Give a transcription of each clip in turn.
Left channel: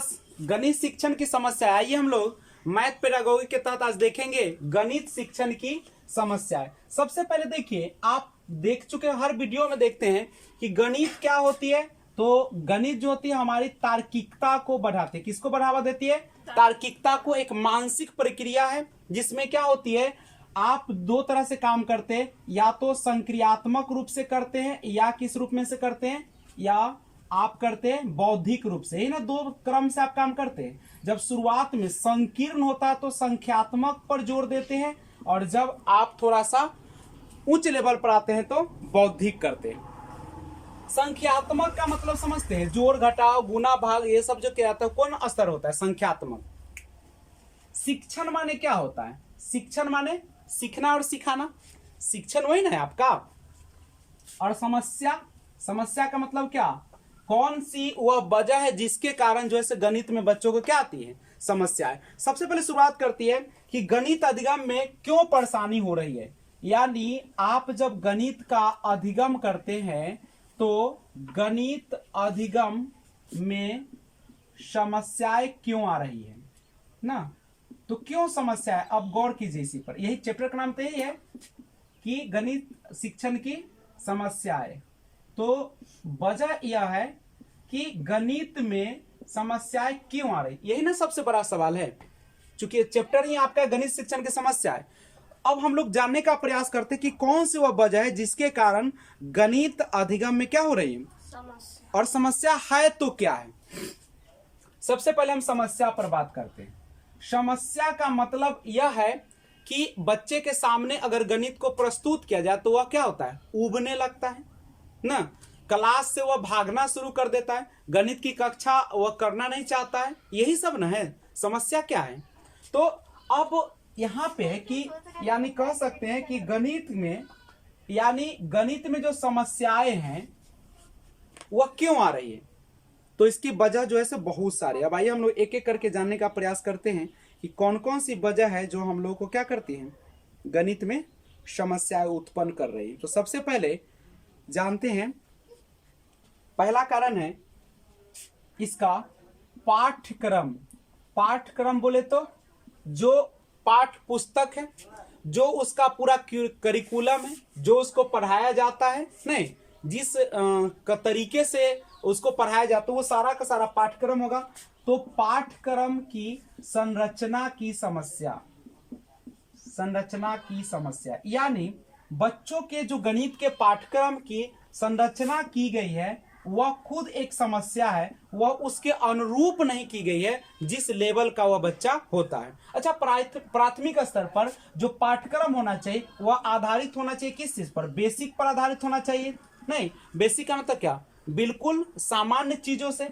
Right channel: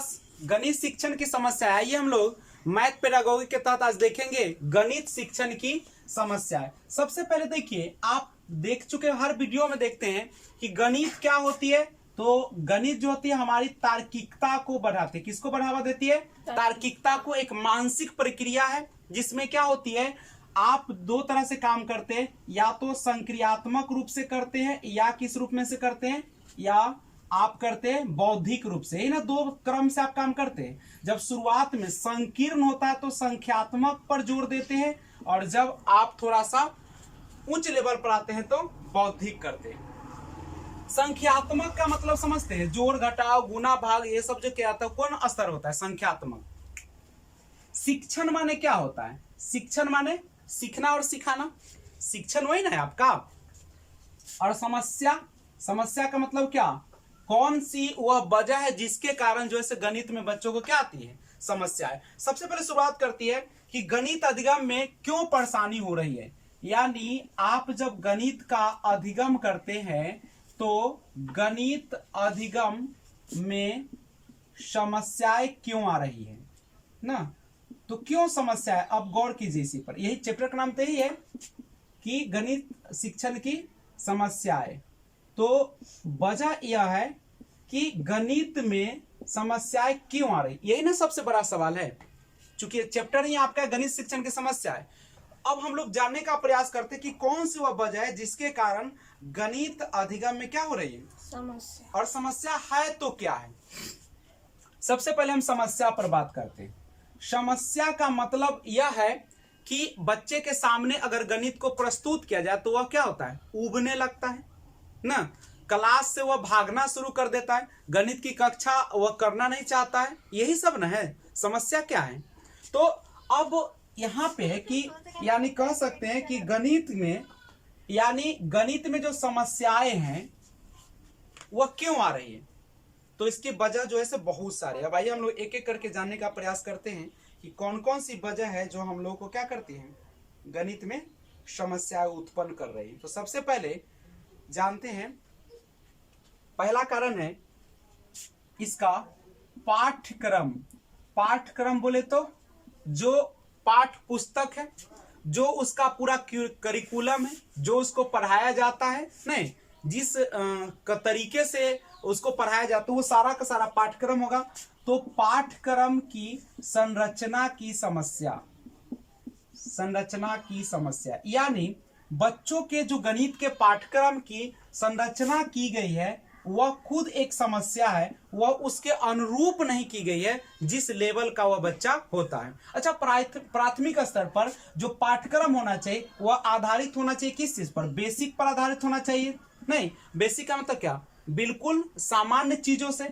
Class गणित शिक्षण की समस्या। आइए हम लोग मैथ पेडागोगी के तहत आज देखेंगे गणित शिक्षण की समस्याएं। सबसे पहले देखिए, आप देख चुके हर वीडियो में देखते हैं कि गणित क्या होती है। तो गणित जो होती है हमारी तार्किकता को बढ़ाती है। किसको बढ़ावा देती है? तार्किकता को। एक मानसिक प्रक्रिया है जिसमें क्या होती है, आप दो तरह से काम करते हैं, या तो संक्रियात्मक रूप से करते हैं या किस रूप में से करते हैं, या आप करते हैं बौद्धिक रूप से। ना दो क्रम से आप काम करते हैं। जब शुरुआत में संकीर्ण होता है तो संख्यात्मक पर जोर देते हैं, और जब आप थोड़ा सा उच्च लेवल पर आते हैं तो बौद्धिक करते हैं। संख्यात्मक का मतलब समझते हैं, जोड़ घटाव गुना भाग ये सब जो क्या आता है, कौन स्तर होता है? संख्यात्मक। शिक्षण माने क्या होता है? शिक्षण माने सीखना और सिखाना। शिक्षण वही ना है आपका। और समस्या, समस्या का मतलब क्या? कौन सी वह वजह है जिसके कारण जो है गणित में बच्चों को क्या आती है? समस्या है। सबसे पहले शुरुआत करती है कि गणित अधिगम में क्यों परेशानी हो रही है। यानी आप जब गणित का अधिगम करते हैं तो गणित अधिगम में समस्याएं क्यों आ रही है ना। तो क्यों समस्या है, अब गौर कीजिए इसी पर। यही चैप्टर का नाम तो यही है कि गणित शिक्षण की समस्याएं। तो वजह यह है कि गणित में समस्याएं क्यों आ रही, यही ना सबसे बड़ा सवाल है। चूंकि चैप्टर ही आपका गणित शिक्षण की समस्या है। अब हम लोग जानने का प्रयास करते हैं कि कौन सी वह वजह है जिसके कारण गणित अधिगम में क्या हो रही है समस्या, और समस्या है तो क्या है। सबसे पहले हम समस्या पर बात करते हैं। समस्या का मतलब यह है कि बच्चे के सामने अगर गणित को प्रस्तुत किया जाए तो वह क्या होता है? उबने लगता है ना। क्लास से वह भागना शुरू कर देता है, गणित की कक्षा वह करना नहीं चाहता है। यही सब ना है। समस्या क्या है? तो अब यहाँ पे है कि यानी कह सकते हैं कि गणित में जो समस्याएं हैं वह क्यों आ रही है। तो इसकी वजह जो है बहुत सारी। अब आइए हम लोग एक एक करके जानने का प्रयास करते हैं कि कौन कौन सी वजह है जो हम लोग को क्या करती हैं, गणित में समस्याएं उत्पन्न कर रही है। तो सबसे पहले जानते हैं, पहला कारण है इसका पाठ्यक्रम। पाठ्यक्रम बोले तो जो पाठ पुस्तक है, जो उसका पूरा करिकुलम है, जो उसको पढ़ाया जाता है, नहीं जिस तरीके से उसको पढ़ाया जाता है वो सारा का सारा पाठ्यक्रम होगा। तो पाठ्यक्रम की संरचना की समस्या, संरचना की समस्या यानी बच्चों के जो गणित के पाठ्यक्रम की संरचना की गई है वह खुद एक समस्या है। वह उसके अनुरूप नहीं की गई है जिस लेवल का वह बच्चा होता है। अच्छा, प्राथमिक स्तर पर जो पाठ्यक्रम होना चाहिए वह आधारित होना चाहिए किस चीज पर? बेसिक पर आधारित होना चाहिए। नहीं, बेसिक का मतलब क्या? बिल्कुल सामान्य चीजों से।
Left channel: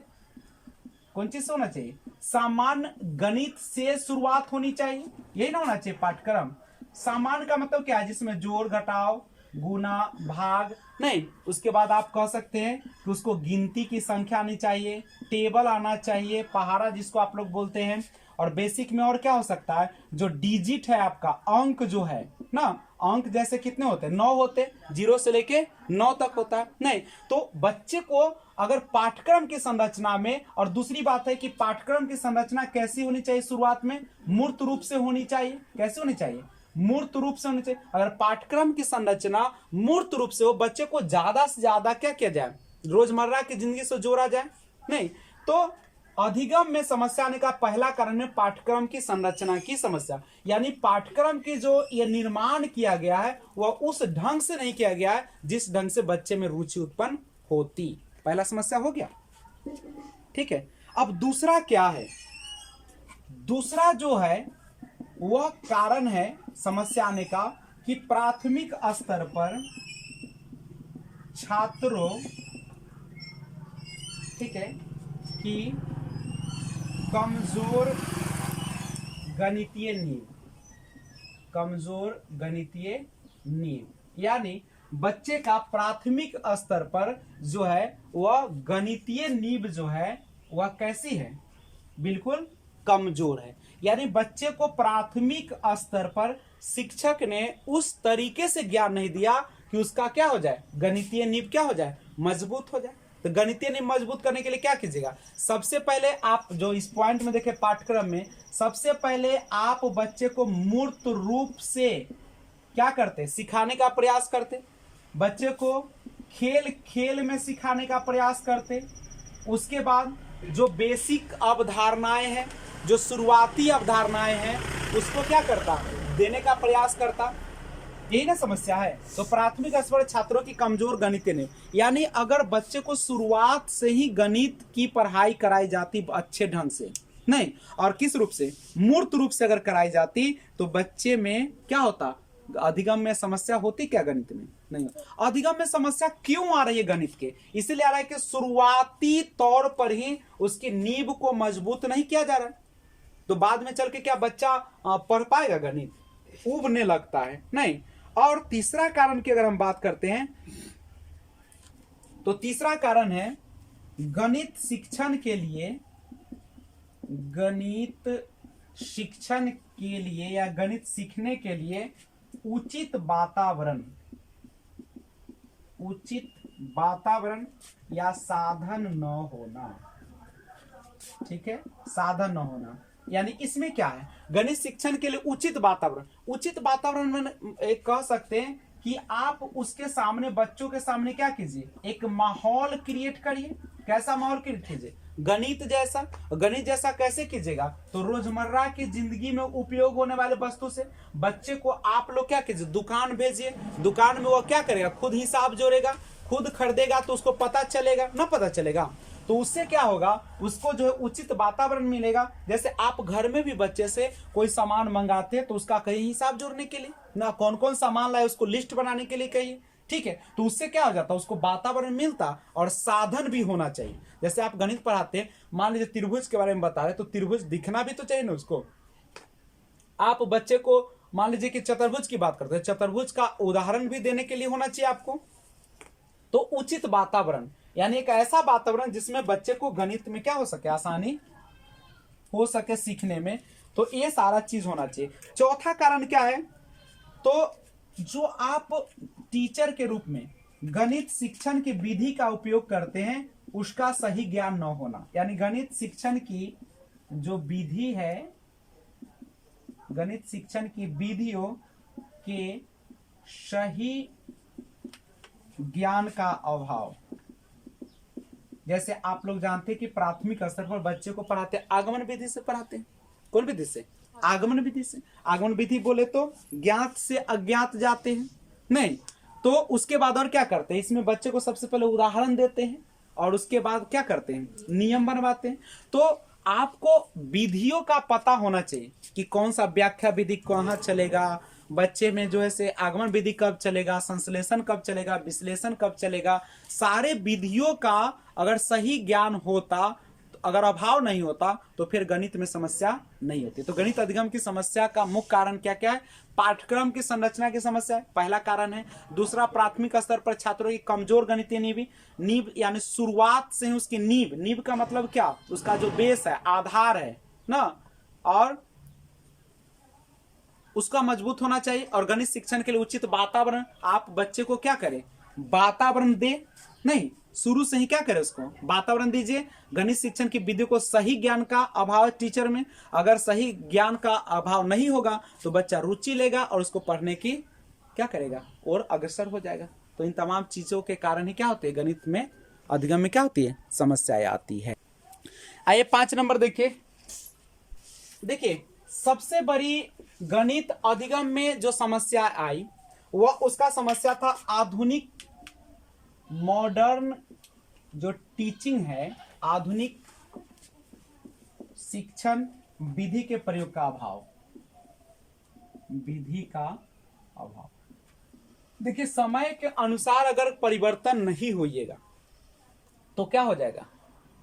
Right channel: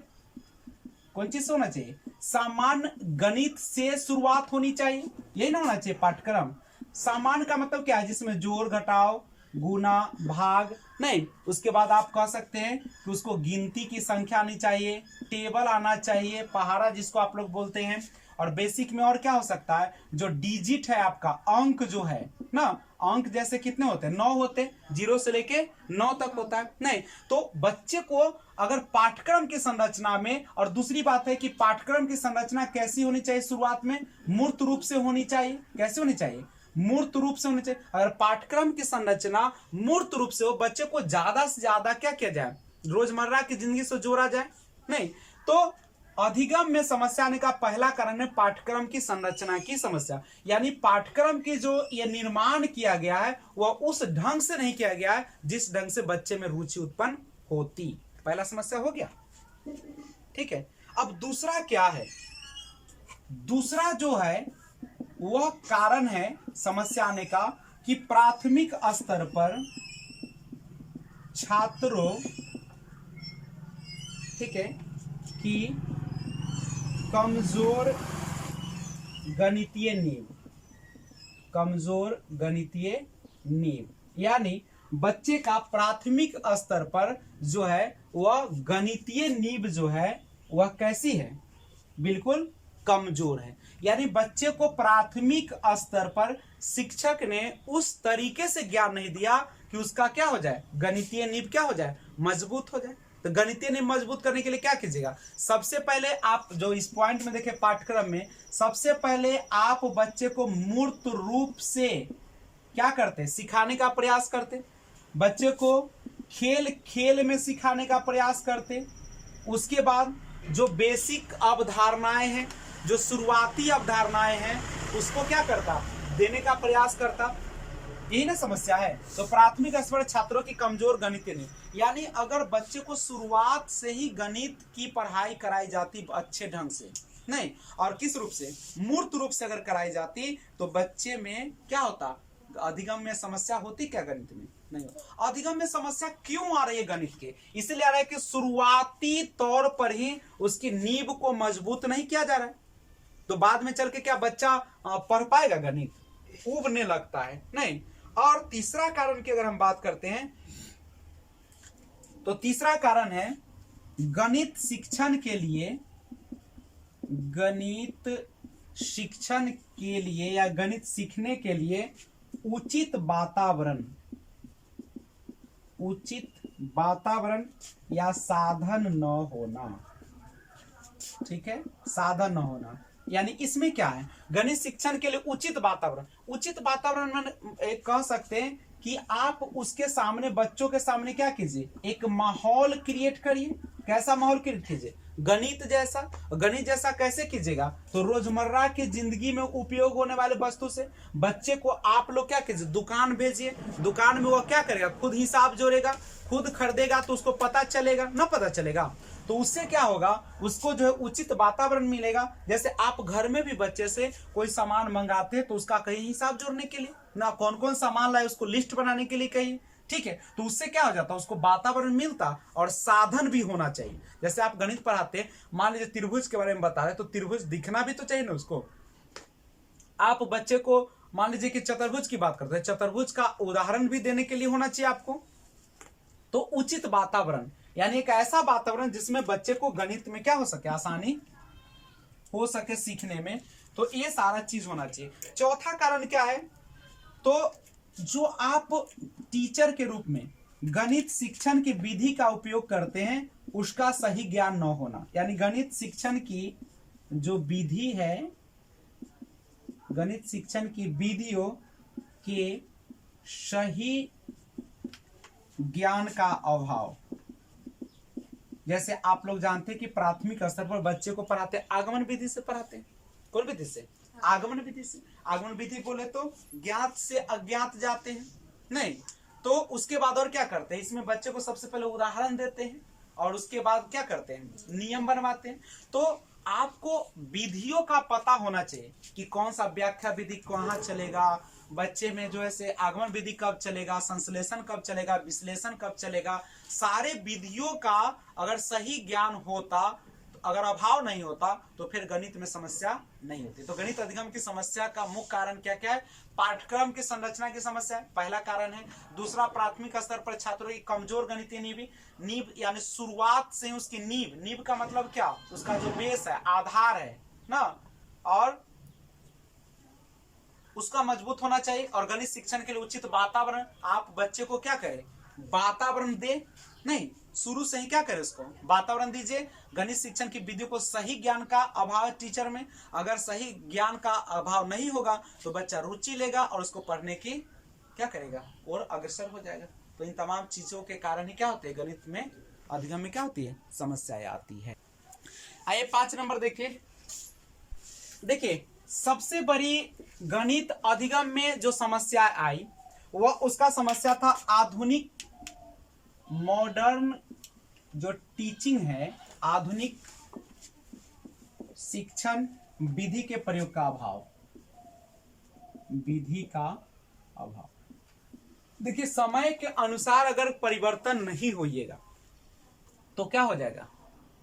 कौन चीज से होना चाहिए? सामान्य गणित से शुरुआत होनी चाहिए। यही ना होना चाहिए पाठ्यक्रम। सामान्य का मतलब क्या है? जिसमें जोड़ घटाव गुना भाग नहीं, उसके बाद आप कह सकते हैं कि उसको गिनती की संख्या आनी चाहिए, टेबल आना चाहिए, पहाड़ा जिसको आप लोग बोलते हैं। और बेसिक में और क्या हो सकता है? जो डिजिट है आपका, अंक जो है ना, अंक जैसे कितने होते हैं? 9 होते हैं, 0 से लेके 9 तक होता है। नहीं, तो बच्चे को अगर पाठ्यक्रम की संरचना में, और दूसरी बात है कि पाठ्यक्रम की संरचना कैसी होनी चाहिए? शुरुआत में मूर्त रूप से होनी चाहिए। कैसे होनी चाहिए? मूर्त रूप से होनी चाहिए। अगर पाठ्यक्रम की संरचना मूर्त रूप से हो, बच्चे को ज्यादा से ज्यादा क्या किया जाए? रोजमर्रा की जिंदगी से जोड़ा जाए। नहीं, तो अधिगम में समस्या आने का पहला कारण है पाठ्यक्रम की संरचना की समस्या। यानी पाठ्यक्रम की जो ये निर्माण किया गया है वह उस ढंग से नहीं किया गया है जिस ढंग से बच्चे में रुचि उत्पन्न होती। पहला समस्या हो गया, ठीक है। अब दूसरा क्या है? दूसरा जो है वह कारण है समस्या आने का कि प्राथमिक स्तर पर छात्रों, ठीक है, कि कमजोर गणितीय नींव, कमजोर गणितीय नींव। यानी बच्चे का प्राथमिक स्तर पर जो है वह गणितीय नींव जो है वह कैसी है? बिल्कुल कमजोर है। यानी बच्चे को प्राथमिक स्तर पर शिक्षक ने उस तरीके से ज्ञान नहीं दिया कि उसका क्या हो जाए? गणितीय नींव क्या हो जाए? मजबूत हो जाए। तो गणितीय नींव मजबूत करने के लिए क्या कीजिएगा, सबसे पहले आप जो इस पॉइंट में देखे पाठ्यक्रम में, सबसे पहले आप बच्चे को मूर्त रूप से क्या करते, सिखाने का प्रयास करते, बच्चे को खेल खेल में सिखाने का प्रयास करते। उसके बाद जो बेसिक अवधारणाएं हैं, जो शुरुआती अवधारणाएं हैं, उसको क्या करता, देने का प्रयास करता। यही ना समस्या है। तो प्राथमिक स्तर छात्रों की कमजोर गणित ने, यानी अगर बच्चे को शुरुआत से ही गणित की पढ़ाई कराई जाती अच्छे ढंग से, नहीं और किस रूप से, मूर्त रूप से अगर कराई जाती, तो बच्चे में क्या होता, अधिगम में समस्या होती क्या गणित में, नहीं। अधिगम में समस्या क्यों आ रही है गणित के, इसलिए आ रहा है कि शुरुआती तौर पर ही उसकी नींव को मजबूत नहीं किया जा रहा है। तो बाद में चल के क्या बच्चा पढ़ पाएगा गणित, उबने लगता है, नहीं। और तीसरा कारण की अगर हम बात करते हैं, तो तीसरा कारण है गणित शिक्षण के लिए, गणित शिक्षण के लिए या गणित सीखने के लिए उचित वातावरण, उचित वातावरण या साधन न होना। ठीक है, साधन न होना, यानी इसमें क्या है, गणित शिक्षण के लिए उचित वातावरण, उचित वातावरण में कह सकते हैं कि आप उसके सामने, बच्चों के सामने क्या कीजिए, एक माहौल क्रिएट करिए। कैसा माहौल क्रिएट कीजिए, गणित जैसा। गणित जैसा कैसे कीजिएगा, तो रोजमर्रा की जिंदगी में उपयोग होने वाले वस्तु से बच्चे को आप लोग क्या कीजिए, दुकान भेजिए। दुकान में वो क्या करेगा, खुद हिसाब जोड़ेगा, खुद खरीदेगा, तो उसको पता चलेगा ना, पता चलेगा तो उससे क्या होगा, उसको जो है उचित वातावरण मिलेगा। जैसे आप घर में भी बच्चे से कोई सामान मंगाते हैं, तो उसका कहीं हिसाब जोड़ने के लिए ना, कौन कौन सामान लाए उसको लिस्ट बनाने के लिए कहिए, ठीक है। तो उससे क्या हो जाता, उसको वातावरण मिलता और साधन भी होना चाहिए। जैसे आप गणित पढ़ाते हैं, मान लीजिए त्रिभुज के बारे में बता रहे, तो त्रिभुज दिखना भी तो चाहिए ना उसको। आप बच्चे को मान लीजिए कि चतुर्भुज की बात करते हैं, चतुर्भुज का उदाहरण भी देने के लिए होना चाहिए आपको। तो उचित वातावरण, यानी एक ऐसा वातावरण जिसमें बच्चे को गणित में क्या हो सके, आसानी हो सके सीखने में। तो ये सारा चीज होना चाहिए। चौथा कारण क्या है, तो जो आप टीचर के रूप में गणित शिक्षण की विधि का उपयोग करते हैं, उसका सही ज्ञान न होना। यानी गणित शिक्षण की जो विधि है, गणित शिक्षण की विधियों के सही ज्ञान का अभाव। जैसे आप लोग जानते हैं कि प्राथमिक स्तर पर बच्चे को पढ़ाते हैं आगमन विधि से पढ़ाते हैं। कौन विधि से, आगमन विधि से। आगमन विधि बोले तो ज्ञात से अज्ञात जाते हैं, नहीं। तो उसके बाद और क्या करते हैं, इसमें बच्चे को सबसे पहले उदाहरण देते हैं और उसके बाद क्या करते हैं, नियम बनवाते हैं। तो आपको विधियों का पता होना चाहिए कि कौन सा व्याख्या विधि कहाँ चलेगा, बच्चे में जो है से आगमन विधि कब चलेगा, संश्लेषण कब चलेगा, विश्लेषण कब चलेगा। सारे विधियों का अगर सही ज्ञान होता, अगर अभाव नहीं होता, तो फिर गणित में समस्या नहीं होती। तो गणित अधिगम की समस्या का मुख्य कारण क्या क्या है, पाठ्यक्रम की संरचना की समस्या पहला कारण है। दूसरा, प्राथमिक स्तर पर छात्रों की कमजोर गणितीय नींव, यानी शुरुआत से ही उसकी नींव का मतलब क्या, उसका जो बेस है, आधार है ना, और उसका मजबूत होना चाहिए। और गणित शिक्षण के लिए उचित वातावरण, आप बच्चे को क्या करें, वातावरण दे, नहीं शुरू से ही क्या करें, उसको वातावरण दीजिए। गणित शिक्षण की विधि को सही ज्ञान का अभाव है टीचर में, अगर सही ज्ञान का अभाव नहीं होगा तो बच्चा रुचि लेगा और उसको पढ़ने की क्या करेगा, और अग्रसर हो जाएगा। तो इन तमाम चीजों के कारण ही क्या होते हैं, गणित में अधिगम में क्या होती है, समस्याएं आती है। आइए 5 नंबर देखिए सबसे बड़ी गणित अधिगम में जो समस्या आई, वह उसका समस्या था आधुनिक मॉडर्न जो टीचिंग है, आधुनिक शिक्षण विधि के प्रयोग का अभाव, विधि का अभाव। देखिए समय के अनुसार अगर परिवर्तन नहीं होइएगा तो क्या हो जाएगा,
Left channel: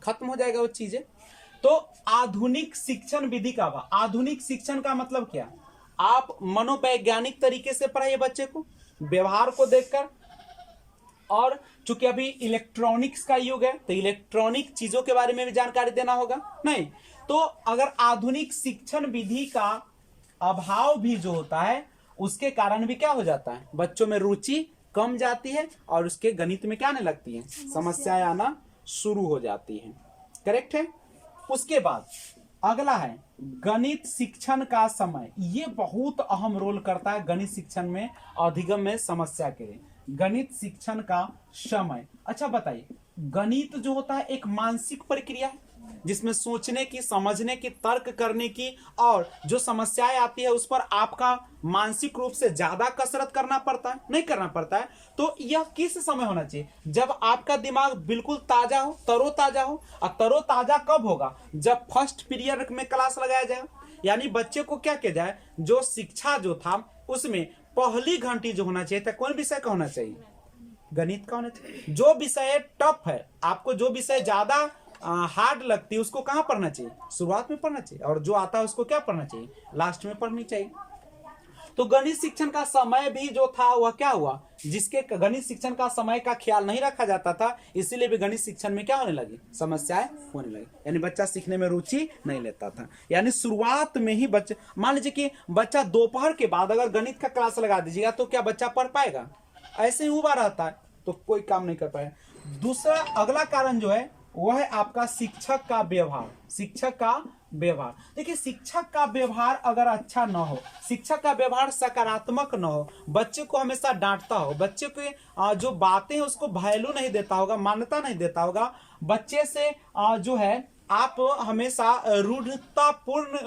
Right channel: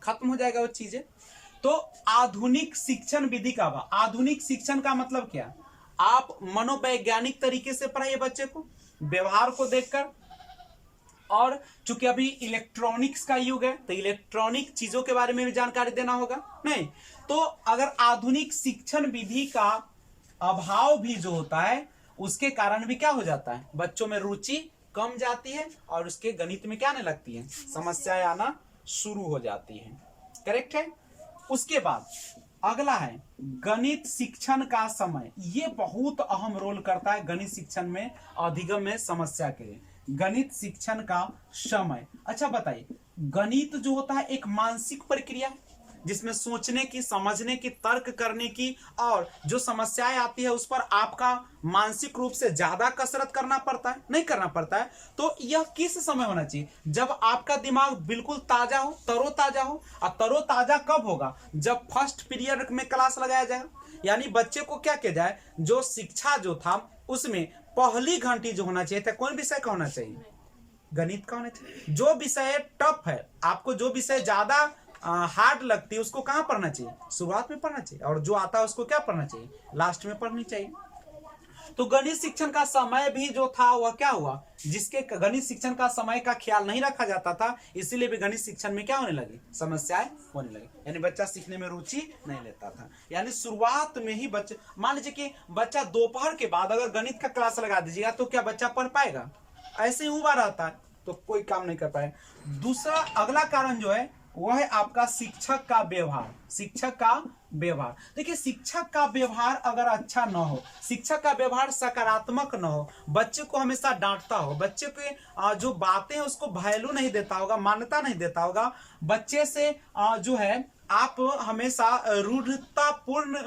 खत्म हो जाएगा वो चीजें। तो आधुनिक शिक्षण विधि का अभाव, आधुनिक शिक्षण का मतलब क्या, आप मनोवैज्ञानिक तरीके से पढ़ाइए बच्चे को, व्यवहार को देखकर। और चूंकि अभी इलेक्ट्रॉनिक्स का युग है तो इलेक्ट्रॉनिक चीजों के बारे में भी जानकारी देना होगा, नहीं तो अगर आधुनिक शिक्षण विधि का अभाव भी जो होता है, उसके कारण भी क्या हो जाता है, बच्चों में रुचि कम जाती है और उसके गणित में क्या आने लगती है, समस्याएं आना शुरू हो जाती है। करेक्ट है। उसके बाद अगला है गणित शिक्षण का समय। ये बहुत अहम रोल करता है गणित शिक्षण में, अधिगम में समस्या के लिए। गणित शिक्षण का समय। अच्छा बताइए, गणित जो होता है एक मानसिक प्रक्रिया है जिसमें सोचने की, समझने की, तर्क करने की और जो समस्याएं आती है उस पर आपका मानसिक रूप से ज्यादा कसरत करना पड़ता है, नहीं करना पड़ता है। तो यह किस समय होना चाहिए? जब आपका दिमाग बिल्कुल ताजा हो, तरोताजा हो। और तरोताजा कब होगा? जब फर्स्ट पीरियड में क्लास लगाया जाएगा, यानी बच्चे को क्या किया जाए, जो शिक्षा जो था उसमें पहली घंटी जो होना चाहिए था, कौन विषय का होना चाहिए? गणित का होना चाहिए। जो विषय टफ है, आपको जो विषय ज्यादा हार्ड लगती है, उसको कहाँ पढ़ना चाहिए? शुरुआत में पढ़ना चाहिए। और जो आता है उसको क्या पढ़ना चाहिए? लास्ट में पढ़नी चाहिए। तो गणित शिक्षण का समय भी जो था वह क्या हुआ, जिसके गणित शिक्षण का समय का ख्याल नहीं रखा जाता था, इसीलिए भी गणित शिक्षण में क्या होने लगी? समस्याएं होने लगी। यानी बच्चा सीखने में रुचि नहीं लेता था। यानी शुरुआत में ही बच्चे, मान लीजिए कि बच्चा दोपहर के बाद अगर गणित का क्लास लगा दीजिएगा तो क्या बच्चा पढ़ पाएगा? ऐसे ही उबा रहता है तो कोई काम नहीं कर पाए। दूसरा अगला कारण जो है वह है आपका शिक्षक का व्यवहार। शिक्षक का व्यवहार, देखिए शिक्षक का व्यवहार अगर अच्छा न हो, शिक्षक का व्यवहार सकारात्मक न हो, बच्चे को हमेशा डांटता हो, बच्चे के जो बातें हैं उसको वैल्यू नहीं देता होगा, मान्यता नहीं देता होगा, बच्चे से जो है आप हमेशा रूढ़तापूर्ण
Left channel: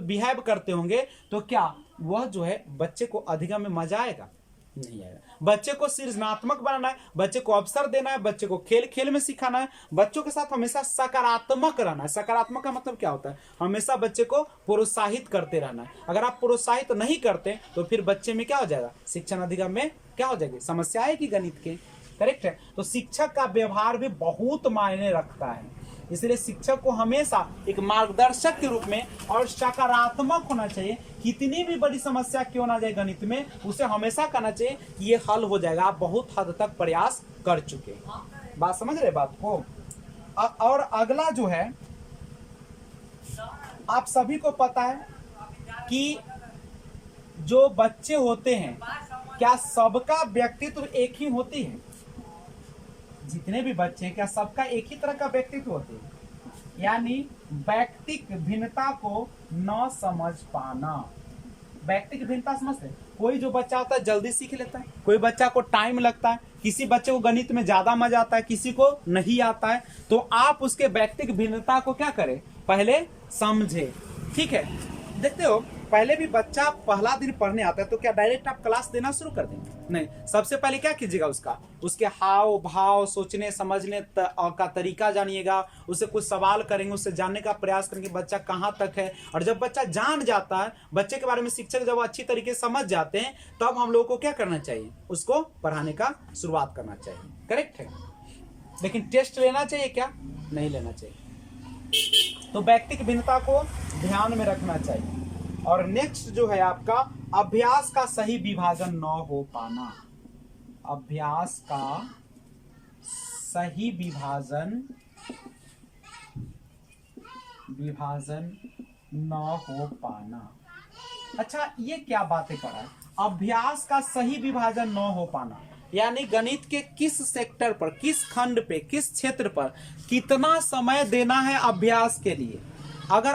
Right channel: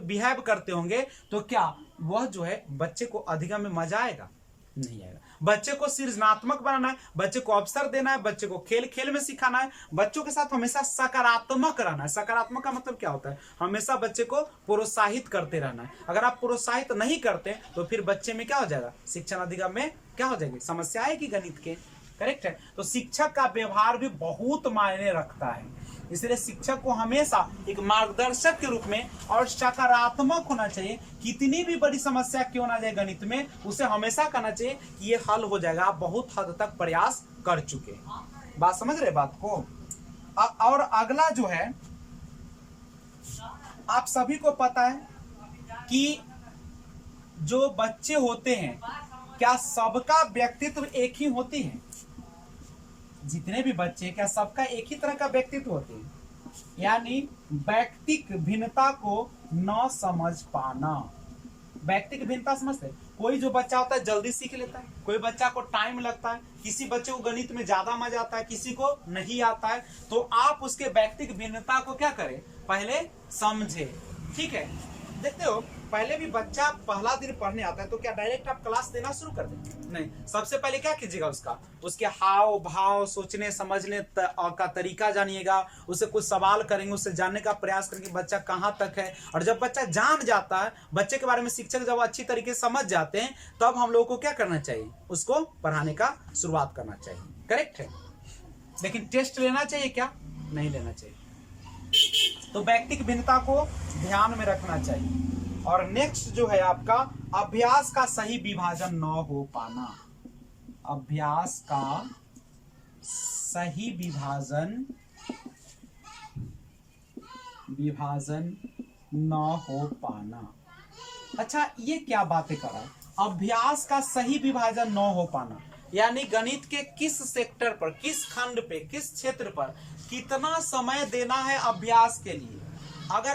बिहेव करते होंगे, तो क्या वह जो है बच्चे को अधिगम में मजा आएगा? नहीं आएगा। बच्चे को सृजनात्मक बनाना है, बच्चे को अवसर देना है, बच्चे को खेल खेल में सिखाना है, बच्चों के साथ हमेशा सकारात्मक रहना है। सकारात्मक का मतलब क्या होता है? हमेशा बच्चे को प्रोत्साहित करते रहना है। अगर आप प्रोत्साहित नहीं करते तो फिर बच्चे में क्या हो जाएगा? शिक्षण अधिगम में क्या हो जाएगी? समस्या आएगी गणित के। करेक्ट है। तो शिक्षक का व्यवहार भी बहुत मायने रखता है, इसलिए शिक्षक को हमेशा एक मार्गदर्शक के रूप में और सकारात्मक होना चाहिए। कितनी भी बड़ी समस्या क्यों ना जाए गणित में, उसे हमेशा कहना चाहिए कि ये हल हो जाएगा, आप बहुत हद तक प्रयास कर चुके। बात समझ रहे बात को? और अगला जो है, आप सभी को पता है कि जो बच्चे होते हैं, क्या सबका व्यक्तित्व एक ही होती है? जितने भी बच्चे हैं क्या सबका एक ही तरह का व्यक्तित्व होते हैं? यानी व्यक्तिक भिन्नता को न समझ पाना। व्यक्तिक भिन्नता समझते हैं? कोई जो बच्चा होता है जल्दी सीख लेता है, कोई बच्चा को टाइम लगता है, किसी बच्चे को गणित में ज्यादा मजा आता है, किसी को नहीं आता है। तो आप उसके व्यक्तिक भिन्नता को क्या करें? पहले समझे। ठीक है। देखते हो पहले भी बच्चा पहला दिन पढ़ने आता है तो क्या डायरेक्ट आप क्लास देना शुरू कर दें? नहीं, सबसे पहले क्या कीजिएगा? उसके हाव भाव, सोचने समझने का तरीका जानिएगा, उससे कुछ सवाल करेंगे, उससे जानने का प्रयास करेंगे बच्चा कहाँ तक है। और जब बच्चा जान जाता है, बच्चे के बारे में शिक्षक जब अच्छी तरीके से समझ जाते हैं, तब हम लोगों को क्या करना चाहिए? उसको पढ़ाने का शुरुआत करना चाहिए। करेक्ट है। लेकिन टेस्ट लेना चाहिए क्या? नहीं लेना चाहिए। तो व्यक्तिक भिन्नता को ध्यान में रखना चाहिए। और नेक्स्ट जो है आपका अभ्यास का सही विभाजन न हो पाना। अभ्यास का सही विभाजन न हो पाना। अच्छा, ये क्या बातें कर रहा है? अभ्यास का सही विभाजन न हो पाना यानी गणित के किस सेक्टर पर, किस खंड पे, किस क्षेत्र पर कितना समय देना है अभ्यास के लिए। अगर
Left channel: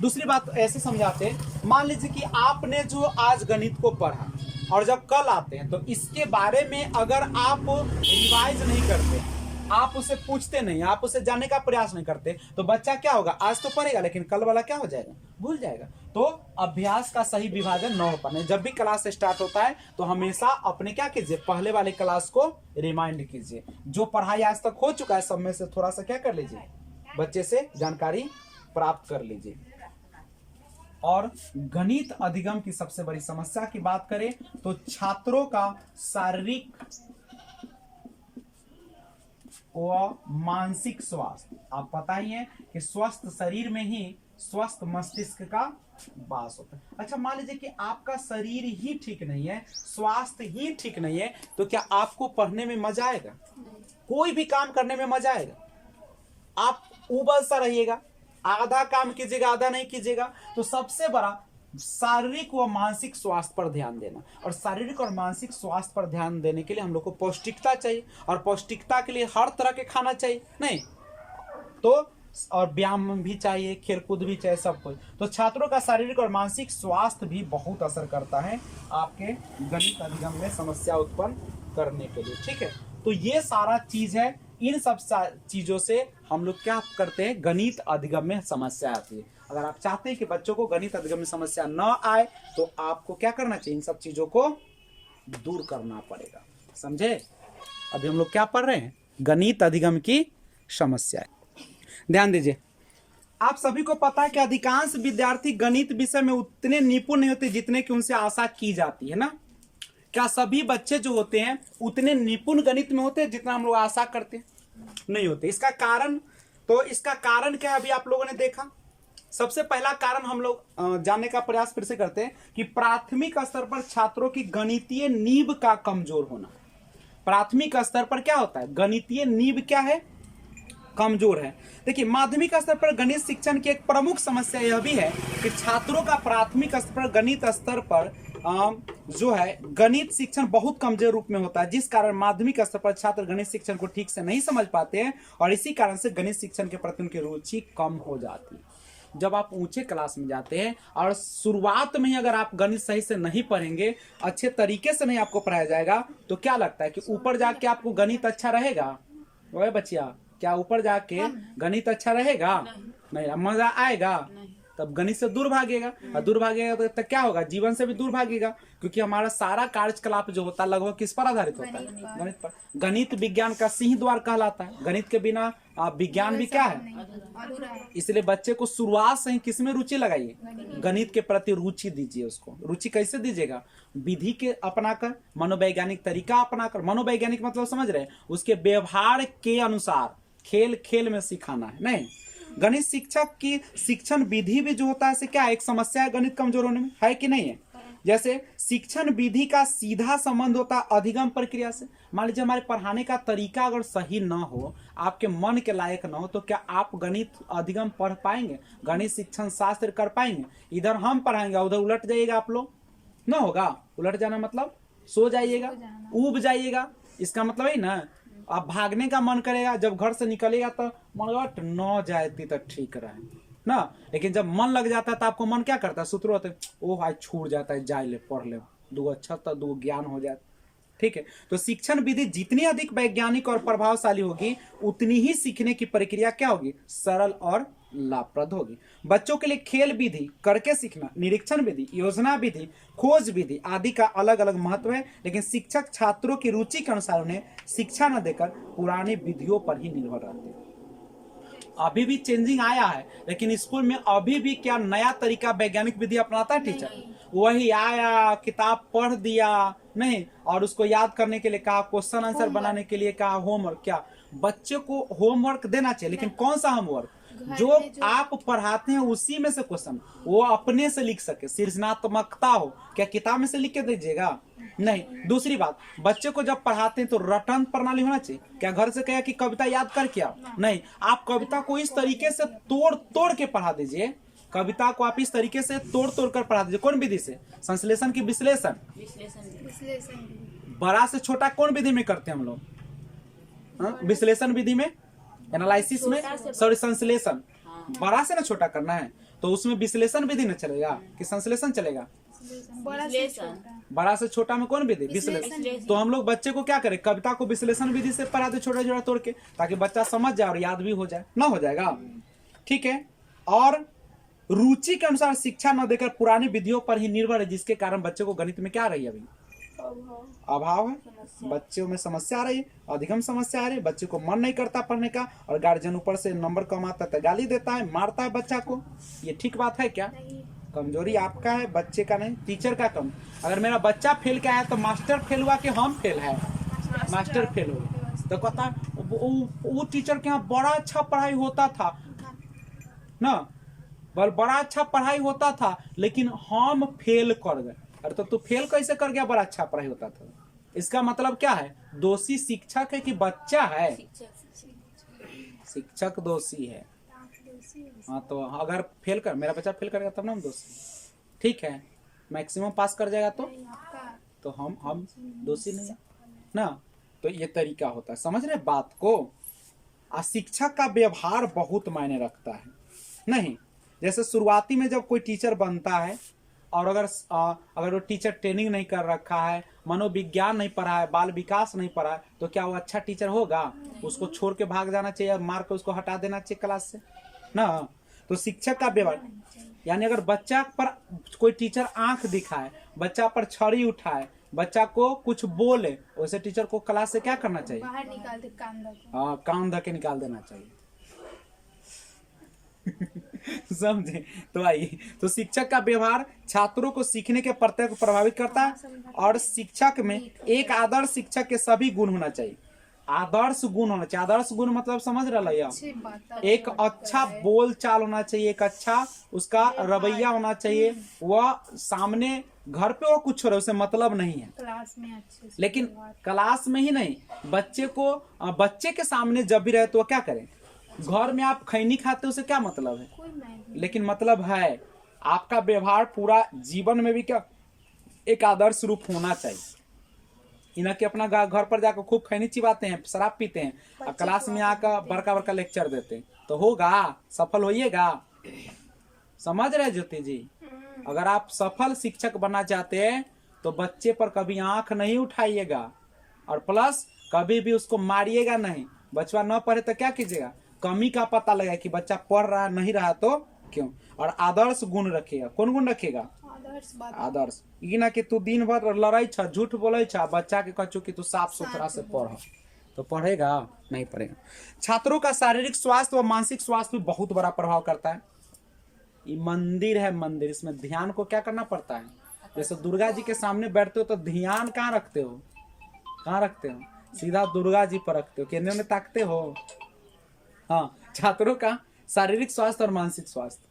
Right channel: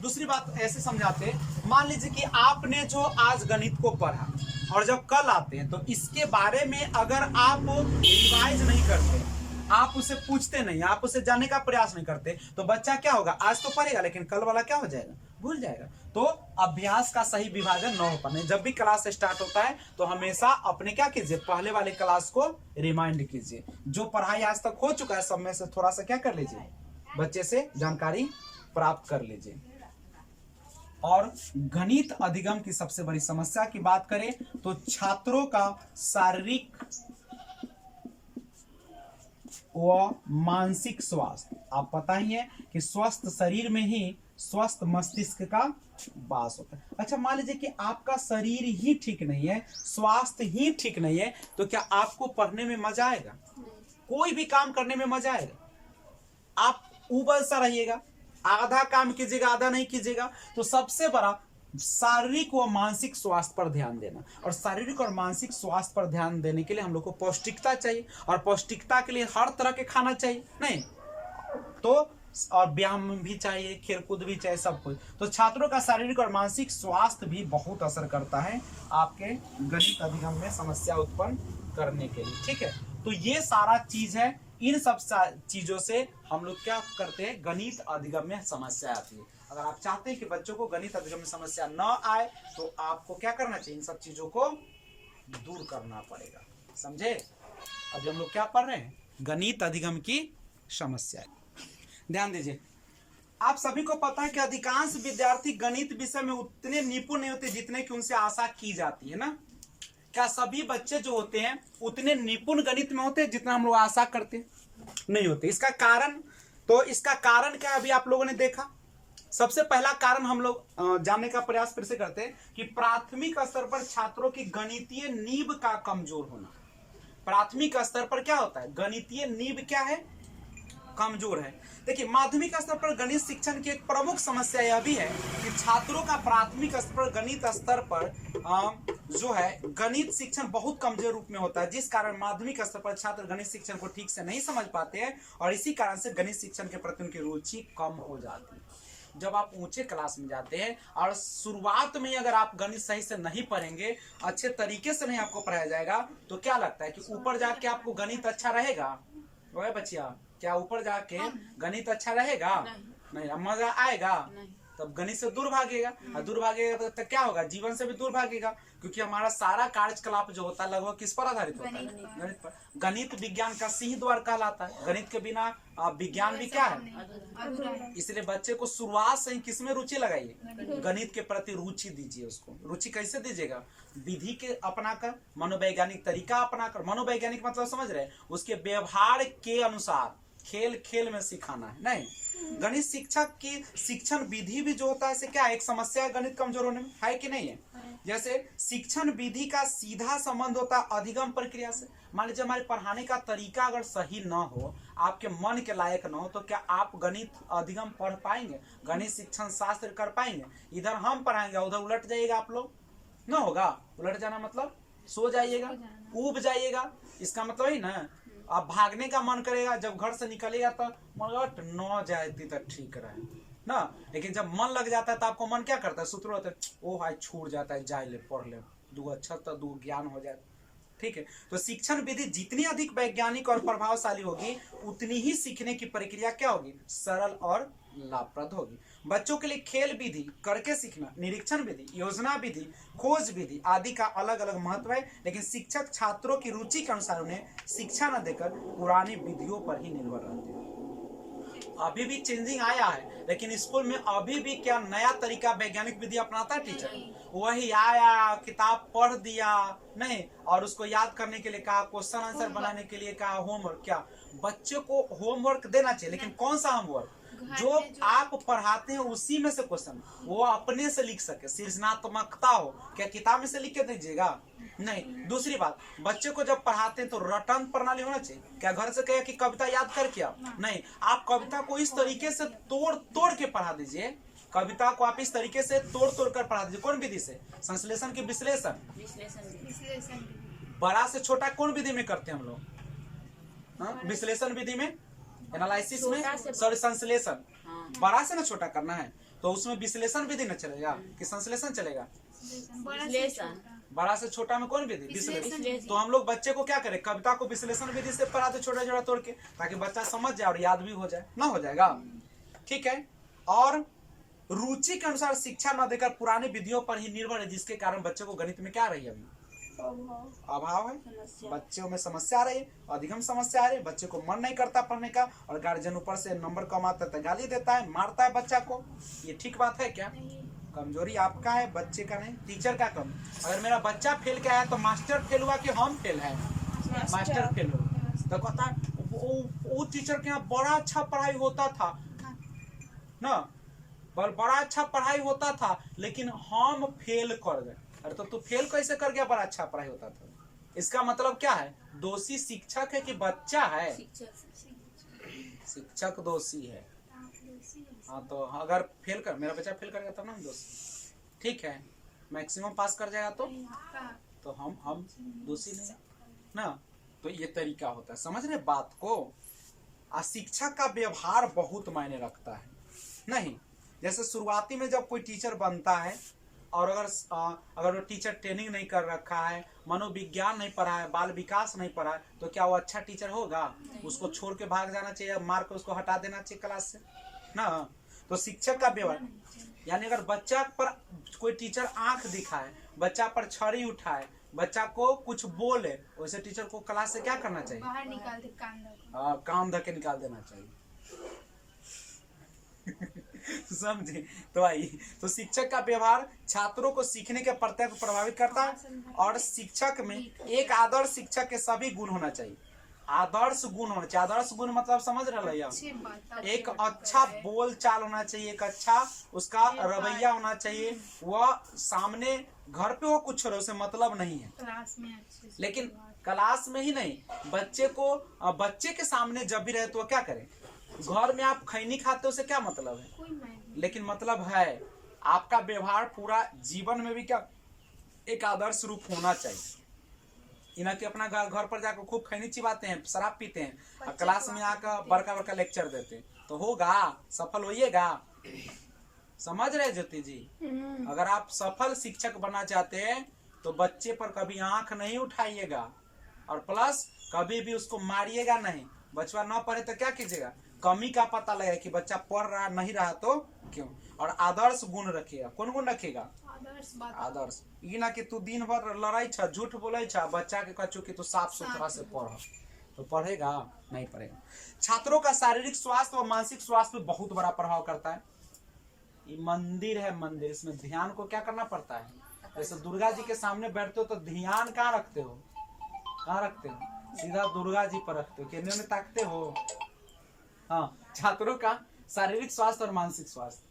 दूसरी बात ऐसे समझाते हैं, मान लीजिए कि आपने जो आज गणित को पढ़ा और जब कल आते हैं तो इसके बारे में अगर आप रिवाइज नहीं करते, आप उसे पूछते नहीं, आप उसे जानने का प्रयास नहीं करते, तो बच्चा क्या होगा? आज तो पढ़ेगा लेकिन कल वाला क्या हो जाएगा? भूल जाएगा। तो अभ्यास का सही विभाजन न हो पाने। जब भी क्लास स्टार्ट होता है तो हमेशा अपने क्या कीजिए? पहले वाले क्लास को रिमाइंड कीजिए। जो पढ़ाई आज तक हो चुका है सब में से थोड़ा सा क्या कर लीजिए? बच्चे से जानकारी प्राप्त कर लीजिए। और गणित अधिगम की सबसे बड़ी समस्या की बात करें तो छात्रों का शारीरिक व मानसिक स्वास्थ्य। आप पता ही है कि स्वस्थ शरीर में ही स्वस्थ मस्तिष्क का वास होता है। अच्छा, मान लीजिए कि आपका शरीर ही ठीक नहीं है, स्वास्थ्य ही ठीक नहीं है, तो क्या आपको पढ़ने में मजा आएगा? कोई भी काम करने में मजा आएगा? आप उबल सा रहिएगा, आधा काम कीजिएगा, आधा नहीं कीजिएगा। तो सबसे बड़ा शारीरिक व मानसिक स्वास्थ्य पर ध्यान देना। और शारीरिक और मानसिक स्वास्थ्य पर ध्यान देने के लिए हम लोग को पौष्टिकता चाहिए, और पौष्टिकता के लिए हर तरह के खाना चाहिए, नहीं तो और व्यायाम भी चाहिए, खेलकूद भी चाहिए, सब कुछ। तो छात्रों का शारीरिक और मानसिक स्वास्थ्य भी बहुत असर करता है आपके गणित अधिगम में समस्या उत्पन्न करने के लिए, ठीक है। तो ये सारा चीज है, इन सब चीजों से हम लोग क्या करते हैं, गणित अधिगम में समस्या आती है। अगर आप चाहते हैं कि बच्चों को गणित अधिगम में समस्या न आए तो आपको क्या करना चाहिए, इन सब चीजों को दूर करना पड़ेगा, समझे। अभी हम लोग क्या पढ़ रहे हैं, गणित अधिगम की समस्या। ध्यान दीजिए, आप सभी को पता है कि अधिकांश विद्यार्थी गणित विषय में उतने निपुण नहीं होते जितने की उनसे आशा की जाती है ना। क्या सभी बच्चे जो होते हैं उतने निपुण गणित में होते हैं जितना हम लोग आशा करते हैं? नहीं होते। इसका कारण, तो इसका कारण क्या है, अभी आप लोगों ने देखा। सबसे पहला कारण हम लोग जानने का प्रयास फिर से करते हैं कि प्राथमिक स्तर पर छात्रों की गणितीय नींव का कमजोर होना। प्राथमिक स्तर पर क्या होता है, गणितीय नींव क्या है, कमजोर है। देखिए, माध्यमिक स्तर पर गणित शिक्षण की एक प्रमुख समस्या यह भी है कि छात्रों का प्राथमिक स्तर पर गणित स्तर पर जो है गणित शिक्षण बहुत कमजोर रूप में होता है, जिस कारण माध्यमिक स्तर पर छात्र गणित शिक्षण को ठीक से नहीं समझ पाते हैं और इसी कारण से गणित शिक्षण के प्रति उनकी रुचि कम हो जाती है। जब आप ऊंचे क्लास में जाते हैं और शुरुआत में ही अगर आप गणित सही से नहीं पढ़ेंगे, अच्छे तरीके से नहीं आपको पढ़ाया जाएगा, to क्या लगता है कि ऊपर जाके आपको गणित अच्छा रहेगा? वह बच्चिया, क्या ऊपर जाके गणित अच्छा रहेगा? नहीं। मजा आएगा? तब गणित से दूर भागेगा, और दूर भागेगा तो क्या होगा, जीवन से भी दूर भागेगा, क्योंकि हमारा सारा कार्यकलाप जो होता है लगभग किस पर आधारित होता है, गणित पर। गणित विज्ञान का सिंह द्वार कहलाता है। गणित के बिना विज्ञान भी क्या है, इसलिए बच्चे को शुरुआत से ही किसमें रुचि लगाइए, गणित के प्रति रुचि दीजिए। उसको रुचि कैसे दीजिएगा, विधि के अपनाकर, मनोवैज्ञानिक तरीका अपनाकर। मनोवैज्ञानिक मतलब समझ रहे हैं, उसके व्यवहार के अनुसार खेल खेल में सिखाना है, नहीं। गणित शिक्षक की शिक्षण विधि भी जो होता है से क्या एक समस्या है गणित कमजोर होने में, है कि नहीं है। जैसे शिक्षण विधि का सीधा संबंध होता है अधिगम प्रक्रिया से। मान लीजिए हमारे पढ़ाने का तरीका अगर सही न हो, आपके मन के लायक न हो, तो क्या आप गणित अधिगम पढ़ पाएंगे, गणित शिक्षण शास्त्र कर पाएंगे? इधर हम पढ़ाएंगे, उधर उलट जाइएगा आप लोग, न होगा। उलट जाना मतलब सो जाइएगा, ऊब जाइएगा, इसका मतलब है ना। आप भागने का मन करेगा, जब घर से निकलेगा तो मन न जाती तो ठीक रहे ना, लेकिन जब मन लग जाता है तो आपको मन क्या करता है, सूत्र होते, ओह आज छूट जाता है, जाए ले पढ़ ले, दो अच्छा तो दो ज्ञान हो जाता, ठीक है। तो शिक्षण विधि जितनी अधिक वैज्ञानिक और प्रभावशाली होगी, उतनी ही सीखने की प्रक्रिया क्या होगी, सरल और लाभप्रद होगी। बच्चों के लिए खेल विधि, करके सीखना, निरीक्षण विधि, योजना विधि, खोज विधि आदि का अलग अलग महत्व है, लेकिन शिक्षक छात्रों की रुचि के अनुसार उन्हें शिक्षा न देकर पुरानी विधियों पर ही निर्भर रहते हैं। अभी भी चेंजिंग आया है, लेकिन स्कूल में अभी भी क्या नया तरीका वैज्ञानिक विधि अपनाता है टीचर? वही आया, किताब पढ़ दिया नहीं, और उसको याद करने के लिए कहा, क्वेश्चन आंसर बनाने के लिए कहा, होमवर्क। क्या बच्चे को होमवर्क देना चाहिए, लेकिन कौन सा होमवर्क, जो आप पढ़ाते हैं उसी में से क्वेश्चन वो अपने से लिख सके, सृजनात्मकता हो। क्या किताब में से लिख के दीजिएगा? नहीं। दूसरी बात, बच्चे को जब पढ़ाते हैं तो रटन प्रणाली होना चाहिए। क्या घर से कहे कि कविता याद कर क्या? नहीं, आप कविता को इस तरीके से तोड़ तोड़ के पढ़ा दीजिए, कविता को आप इस तरीके से तोड़ तोड़ कर पढ़ा दीजिए। कौन विधि से? संश्लेषण की विश्लेषण। बड़ा से छोटा कौन विधि में करते हैं हम लोग? विश्लेषण विधि में, एनालिसिस में, सॉरी संश्लेषण। बड़ा से ना छोटा करना है तो उसमें विश्लेषण विधि न चलेगा कि संश्लेषण चलेगा? बड़ा से छोटा में कौन विधि? विश्लेषण। तो हम लोग बच्चे को क्या करें, कविता को विश्लेषण विधि से पढ़ाते, छोटा छोटा तोड़ के, ताकि बच्चा समझ जाए और याद भी हो जाए, ना हो जाएगा, ठीक है। और रुचि के अनुसार शिक्षा न देकर पुरानी विधियों पर ही निर्भर है, जिसके कारण बच्चे को गणित में क्या आ रही है, अभी अभाव है, बच्चों में समस्या आ रही है, अधिगम समस्या आ रही है, बच्चे को मन नहीं करता पढ़ने का, और गार्जियन ऊपर से नंबर कम आता है तो गाली देता है, मारता है बच्चा को। ये ठीक बात है क्या? कमजोरी आपका है, बच्चे का नहीं, टीचर का कम। अगर मेरा बच्चा फेल क्या है तो मास्टर फेल हुआ कि हम फेल है? मास्टर फेल हुआ तो कहता है वो टीचर के यहाँ बड़ा अच्छा पढ़ाई होता था ना, बड़ा अच्छा पढ़ाई होता था, लेकिन हम फेल कर गए। अरे तो तू फेल कैसे कर गया, बड़ा अच्छा पढ़ाई होता था? इसका मतलब क्या है, दोषी शिक्षक है कि बच्चा है? शिक्षक दोषी है। हाँ, तो अगर फेल कर, मेरा बच्चा फेल करेगा तब ना हम दोषी, ठीक है, मैक्सिमम पास कर जाएगा तो हम दोषी नहीं है ना। तो ये तरीका होता है, समझ रहे बात को। शिक्षक का व्यवहार बहुत मायने रखता है। नहीं, जैसे शुरुआती में जब कोई टीचर बनता है और अगर वो टीचर ट्रेनिंग नहीं कर रखा है, मनोविज्ञान नहीं पढ़ा है, बाल विकास नहीं पढ़ा है, तो क्या वो अच्छा टीचर होगा? उसको छोड़ के भाग जाना चाहिए, मार के उसको हटा देना चाहिए क्लास से ना। तो शिक्षक का व्यवहार, यानी अगर बच्चा पर कोई टीचर आंख दिखाए, बच्चा पर छड़ी उठाए, बच्चा को कुछ बोले, वैसे टीचर को क्लास से क्या करना चाहिए? बाहर निकाल दे, कान धके। हाँ, काम धके निकाल देना चाहिए। समझे? तो आई, तो शिक्षक का व्यवहार छात्रों को सीखने के प्रत्यक्ष प्रभावित करता है। और शिक्षक में एक आदर्श शिक्षक के सभी गुण होना चाहिए। आदर्श गुण होना चाहिए। आदर्श गुण मतलब समझ रहा है, एक अच्छा बोल चाल होना चाहिए, एक अच्छा उसका रवैया होना चाहिए। वह सामने घर पे वो कुछ हो रहा है उसे मतलब नहीं है, क्लास में अच्छे से, लेकिन क्लास में ही नहीं, बच्चे के सामने जब भी रहे तो क्या करें? घर में आप खैनी खाते हो, उसे क्या मतलब है? कोई नहीं, लेकिन मतलब है आपका व्यवहार पूरा जीवन में भी क्या एक आदर्श रूप होना चाहिए। इन्हें के अपना घर पर जाकर खूब खैनी चिबाते हैं, शराब पीते हैं, और क्लास में आकर बड़का बड़का लेक्चर देते हैं, तो होगा? सफल होइएगा? समझ रहे ज्योति जी? अगर आप सफल शिक्षक बनना चाहते हैं तो बच्चे पर कभी आंख नहीं उठाइएगा, और प्लस कभी भी उसको मारिएगा नहीं। बच्चा न पढ़े तो क्या कीजिएगा? कमी का पता लगा कि बच्चा पढ़ रहा नहीं रहा तो क्यों। और आदर्श गुण रखेगा। कौन गुण रखेगा? आदर्श। ये ना कि तू दिन भर लड़ाई छ, झूठ बोले छ, बच्चा के कचू कि तू साफ सुथरा से पढ़, तो पढ़ेगा? नहीं पढ़ेगा। छात्रों का शारीरिक स्वास्थ्य व मानसिक स्वास्थ्य भी बहुत बड़ा प्रभाव करता है। ये मंदिर है, मंदिर, इसमें ध्यान को क्या करना पड़ता है। जैसे दुर्गा जी के सामने बैठते हो तो ध्यान कहाँ रखते हो? कहाँ रखते हो? सीधा दुर्गा जी पर रखते हो, केंद्र में ताकते हो। हाँ, छात्रों का शारीरिक स्वास्थ्य और मानसिक स्वास्थ्य।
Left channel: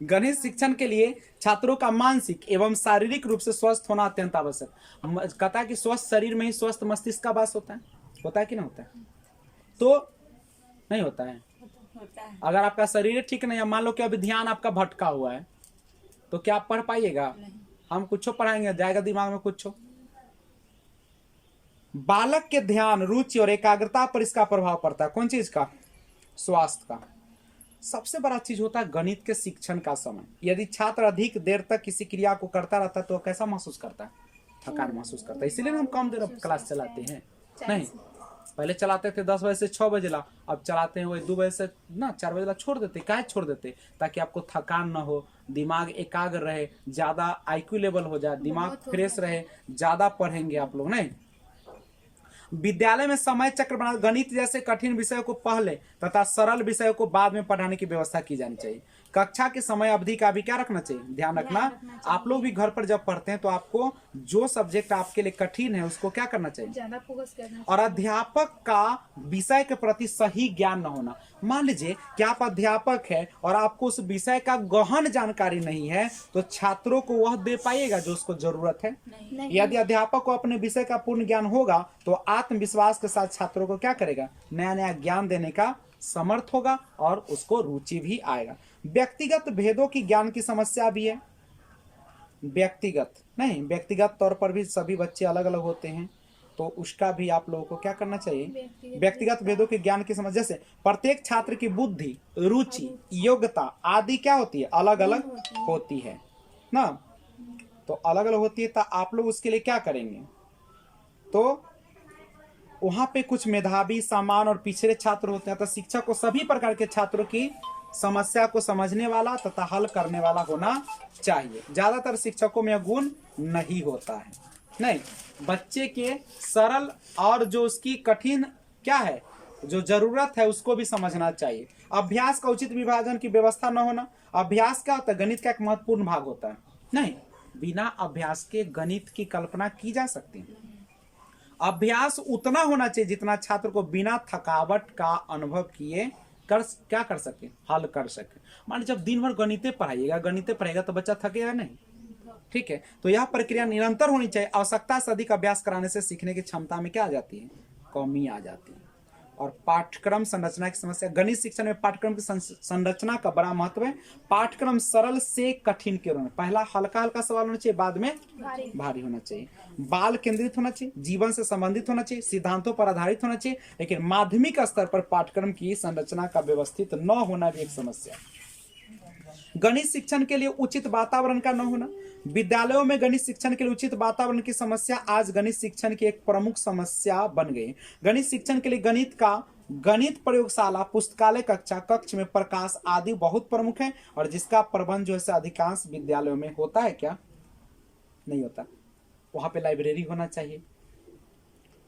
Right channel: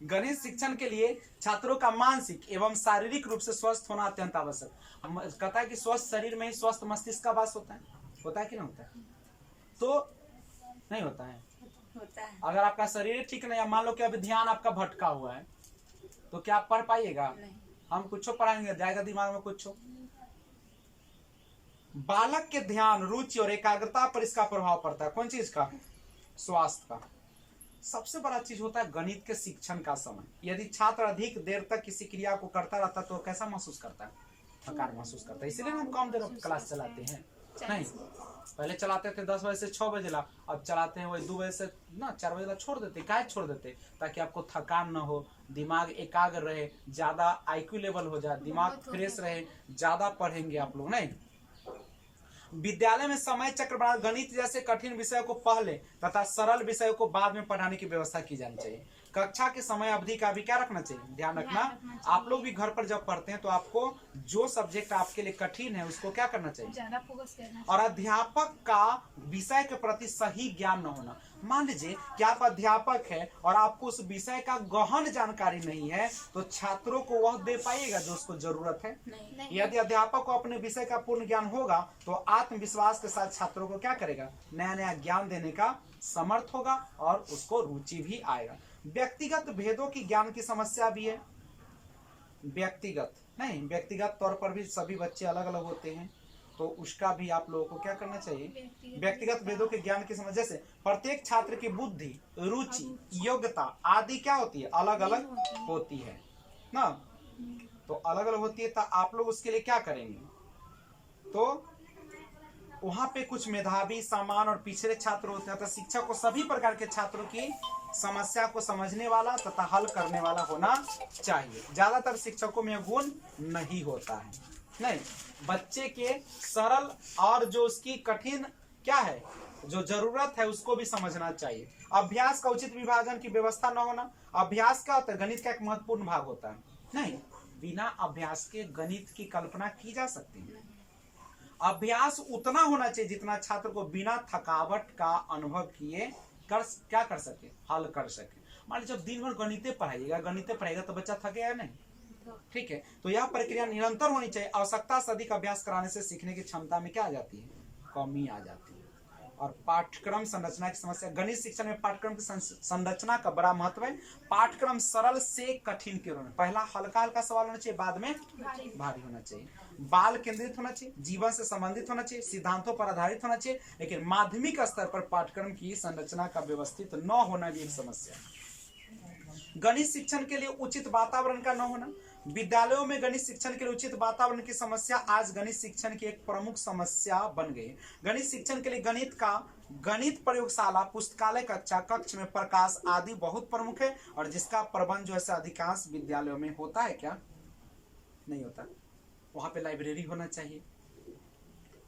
गणित शिक्षण के लिए छात्रों का मानसिक एवं शारीरिक रूप से स्वस्थ होना अत्यंत आवश्यक। कहता है कि स्वस्थ शरीर में ही स्वस्थ मस्तिष्क का वास होता है। होता है कि नहीं होता है? तो नहीं होता है। अगर आपका शरीर ठीक नहीं है, मान लो कि अभी ध्यान आपका भटका हुआ है, तो क्या आप पढ़ पाइएगा? हम कुछ पढ़ाएंगे, जाएगा दिमाग में कुछ। बालक के ध्यान, रुचि और एकाग्रता पर इसका प्रभाव पड़ता है। कौन चीज का? स्वास्थ्य का। सबसे बड़ा चीज होता है गणित के शिक्षण का समय। यदि छात्र अधिक देर तक किसी क्रिया को करता रहता है तो कैसा महसूस करता है? थकान महसूस करता है। इसीलिए हम कम देर क्लास चलाते हैं। नहीं, पहले चलाते थे 10 बजे से 6 बजे ला, अब चलाते हैं वही 2 बजे से ना 4 बजे ला छोड़ देते। क्या छोड़ देते? ताकि आपको थकान न हो, दिमाग एकाग्र रहे, ज्यादा IQ लेवल हो जाए, दिमाग फ्रेश रहे, ज्यादा पढ़ेंगे आप लोग। नहीं, विद्यालय में समय चक्र बना, गणित जैसे कठिन विषयों को पहले तथा सरल विषयों को बाद में पढ़ाने की व्यवस्था की जानी चाहिए। कक्षा के समय अवधि का भी क्या रखना चाहिए? ध्यान रखना। आप लोग भी घर पर जब पढ़ते हैं तो आपको जो सब्जेक्ट आपके लिए कठिन है उसको क्या करना चाहिए? ज्यादा फोकस करना चाहिए। और अध्यापक का विषय के प्रति सही ज्ञान न होना। मान लीजिए कि आप अध्यापक है और आपको उस विषय का गहन जानकारी नहीं है, तो छात्रों को वह दे पाइएगा जो उसको जरूरत है? नहीं। यदि अध्यापक को अपने विषय का पूर्ण ज्ञान होगा तो आत्मविश्वास के साथ छात्रों को क्या करेगा? नया नया ज्ञान देने का समर्थ होगा और उसको रुचि भी आएगा। व्यक्तिगत भेदों की ज्ञान की समस्या भी है। व्यक्तिगत तौर पर भी सभी बच्चे अलग अलग होते हैं, तो उसका भी आप लोगों को क्या करना चाहिए? व्यक्तिगत भेदों के ज्ञान की समस्या। जैसे प्रत्येक छात्र की बुद्धि, रुचि, योग्यता आदि क्या होती है? अलग अलग होती है ना। तो अलग अलग होती है, तो आप लोग उसके लिए क्या करेंगे? तो वहां पे कुछ मेधावी, सामान्य और पिछड़े छात्र होते हैं। तो शिक्षक को सभी प्रकार के छात्रों की समस्या को समझने वाला तथा हल करने वाला होना चाहिए। ज्यादातर शिक्षकों में गुण नहीं होता है। नहीं, बच्चे के सरल और जो उसकी कठिन क्या है, जो जरूरत है उसको भी समझना चाहिए। अभ्यास का उचित विभाजन की व्यवस्था न होना। अभ्यास क्या होता है? गणित का एक महत्वपूर्ण भाग होता है। नहीं, बिना अभ्यास के गणित की कल्पना की जा सकती है। अभ्यास उतना होना चाहिए जितना छात्र को बिना थकावट का अनुभव किए क्या कर सके? हल कर सके। मान लीजिए जब दिन भर गणित पढ़ाएगा तो बच्चा थकेगा नहीं। ठीक है, तो यह प्रक्रिया निरंतर होनी चाहिए। आवश्यकता से अधिक अभ्यास कराने से सीखने की क्षमता में क्या आ जाती है? कमी आ जाती है। और पाठ्यक्रम संरचना की समस्या। गणित शिक्षण में पाठ्यक्रम की संरचना का बड़ा महत्व है। पाठ्यक्रम सरल से कठिन के रूप, पहला हल्का हल्का सवाल होना चाहिए, बाद में भारी होना चाहिए, बाल केंद्रित होना चाहिए, जीवन से संबंधित होना चाहिए, सिद्धांतों पर आधारित होना चाहिए। लेकिन माध्यमिक स्तर पर पाठ्यक्रम की संरचना का व्यवस्थित न होना भी एक समस्या है। गणित शिक्षण के लिए उचित वातावरण का न होना, विद्यालयों में गणित शिक्षण के लिए उचित वातावरण की समस्या आज गणित शिक्षण की एक प्रमुख समस्या बन गई। गणित शिक्षण के लिए गणित प्रयोगशाला, पुस्तकालय कक्षा, कक्ष में प्रकाश आदि बहुत प्रमुख है, और जिसका प्रबंध जो है अधिकांश विद्यालयों में होता है क्या? नहीं होता। वहां पे लाइब्रेरी होना चाहिए,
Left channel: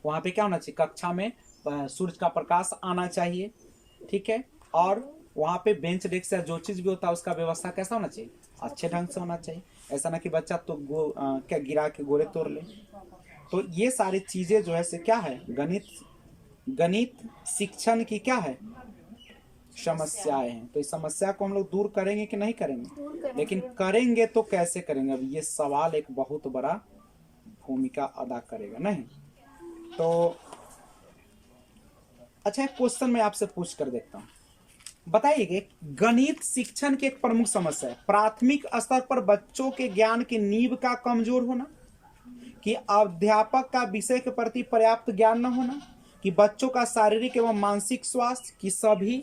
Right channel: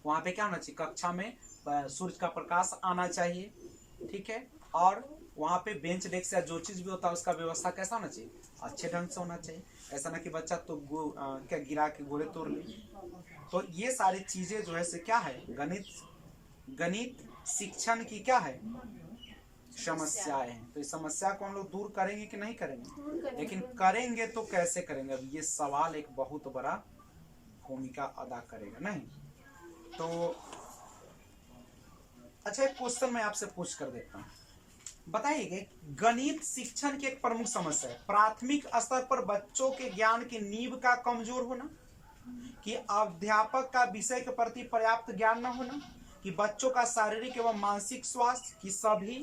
वहां पे क्या होना चाहिए? कक्षा में सूर्य का प्रकाश आना चाहिए, ठीक है, और वहां पे बेंच डेस्क या जो चीज भी होता है उसका व्यवस्था कैसा होना चाहिए? अच्छे ढंग से होना चाहिए। ऐसा ना कि बच्चा तो क्या गिरा के गोले तोड़ ले। तो ये सारी चीजें जो है से क्या है, गणित शिक्षण की क्या है, समस्याएं हैं। तो इस समस्या को हम लोग दूर करेंगे कि नहीं करेंगे? लेकिन करेंगे तो कैसे करेंगे? अब ये सवाल एक बहुत बड़ा भूमिका अदा करेगा, नहीं? तो अच्छा, एक क्वेश्चन मैं आपसे पूछ कर देखता हूं, बताइए गणित शिक्षण की एक प्रमुख समस्या है प्राथमिक स्तर पर बच्चों के ज्ञान की नींव का कमजोर होना, कि अध्यापक का विषय के प्रति पर्याप्त ज्ञान न होना, कि बच्चों का शारीरिक एवं मानसिक स्वास्थ्य, की सभी?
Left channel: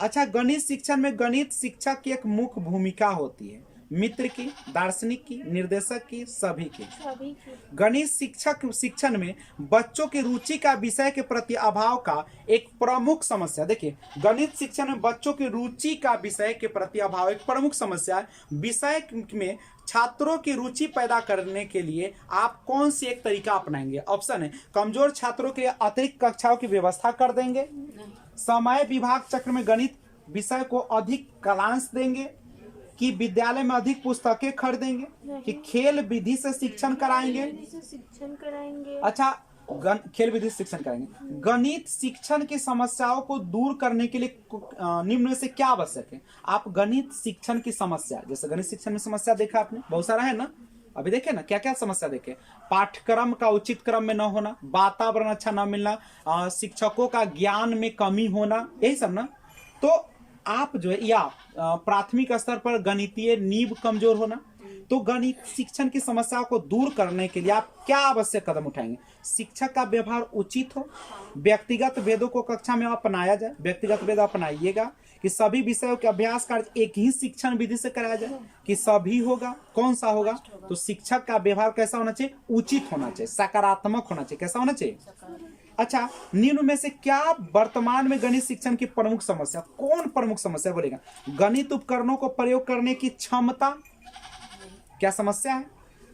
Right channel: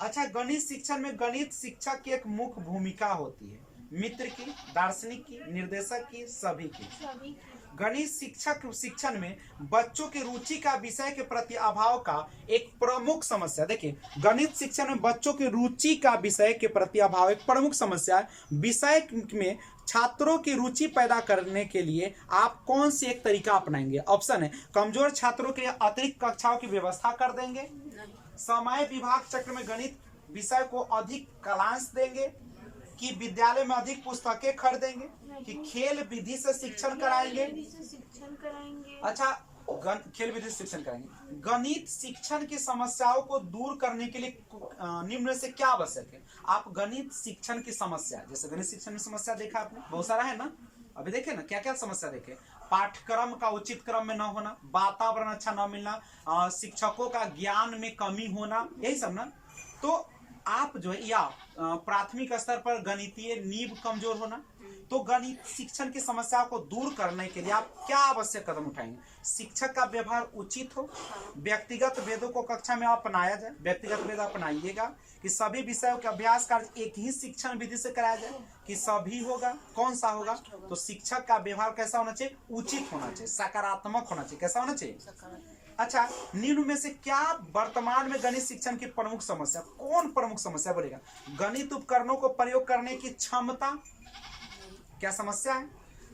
अच्छा, गणित शिक्षण में गणित शिक्षक की एक मुख्य भूमिका होती है, मित्र की, दार्शनिक की, निर्देशक की, सभी की। गणित शिक्षण में बच्चों की रुचि का विषय के प्रति अभाव का एक प्रमुख समस्या। देखिए, गणित शिक्षण में बच्चों की रुचि का विषय के प्रति अभाव एक प्रमुख समस्या है। विषय में छात्रों की रुचि पैदा करने के लिए आप कौन सी एक तरीका अपनाएंगे? ऑप्शन है, कमजोर छात्रों के लिए अतिरिक्त कक्षाओं की व्यवस्था कर देंगे, समय विभाग चक्र में गणित विषय को अधिक कालांश देंगे, कि विद्यालय में अधिक पुस्तकें खरीदेंगे, कि खेल विधि से शिक्षण कराएंगे। अच्छा, खेल विधि से शिक्षण कराएंगे। गणित शिक्षण की समस्याओं को दूर करने के लिए निम्न में से क्या आवश्यक है? आप गणित शिक्षण की समस्या, जैसे गणित शिक्षण में समस्या देखा आपने, बहुत सारा है ना, अभी देखे ना क्या क्या समस्या देखे। पाठ्यक्रम का उचित क्रम में न होना, वातावरण अच्छा न मिलना, शिक्षकों का ज्ञान में कमी होना, यही सब ना। तो आप जो है, या प्राथमिक स्तर पर गणितीय नींव कमजोर होना। तो गणित शिक्षण की समस्या को दूर करने के लिए आप क्या आवश्यक कदम उठाएंगे? शिक्षक का व्यवहार उचित हो, व्यक्तिगत भेदों को कक्षा में अपनाया जाए, व्यक्तिगत भेद अपनाइएगा, कि सभी विषयों के अभ्यास कार्य एक ही शिक्षण विधि से कराया जाए, कि सभी होगा, कौन सा होगा? तो शिक्षक का व्यवहार कैसा होना चाहिए? उचित होना चाहिए, सकारात्मक होना चाहिए। कैसा होना चाहिए? अच्छा, निम्न में से क्या वर्तमान में गणित शिक्षण की प्रमुख समस्या? कौन प्रमुख समस्या बोलेगा? गणित उपकरणों को प्रयोग करने की क्षमता क्या समस्या है?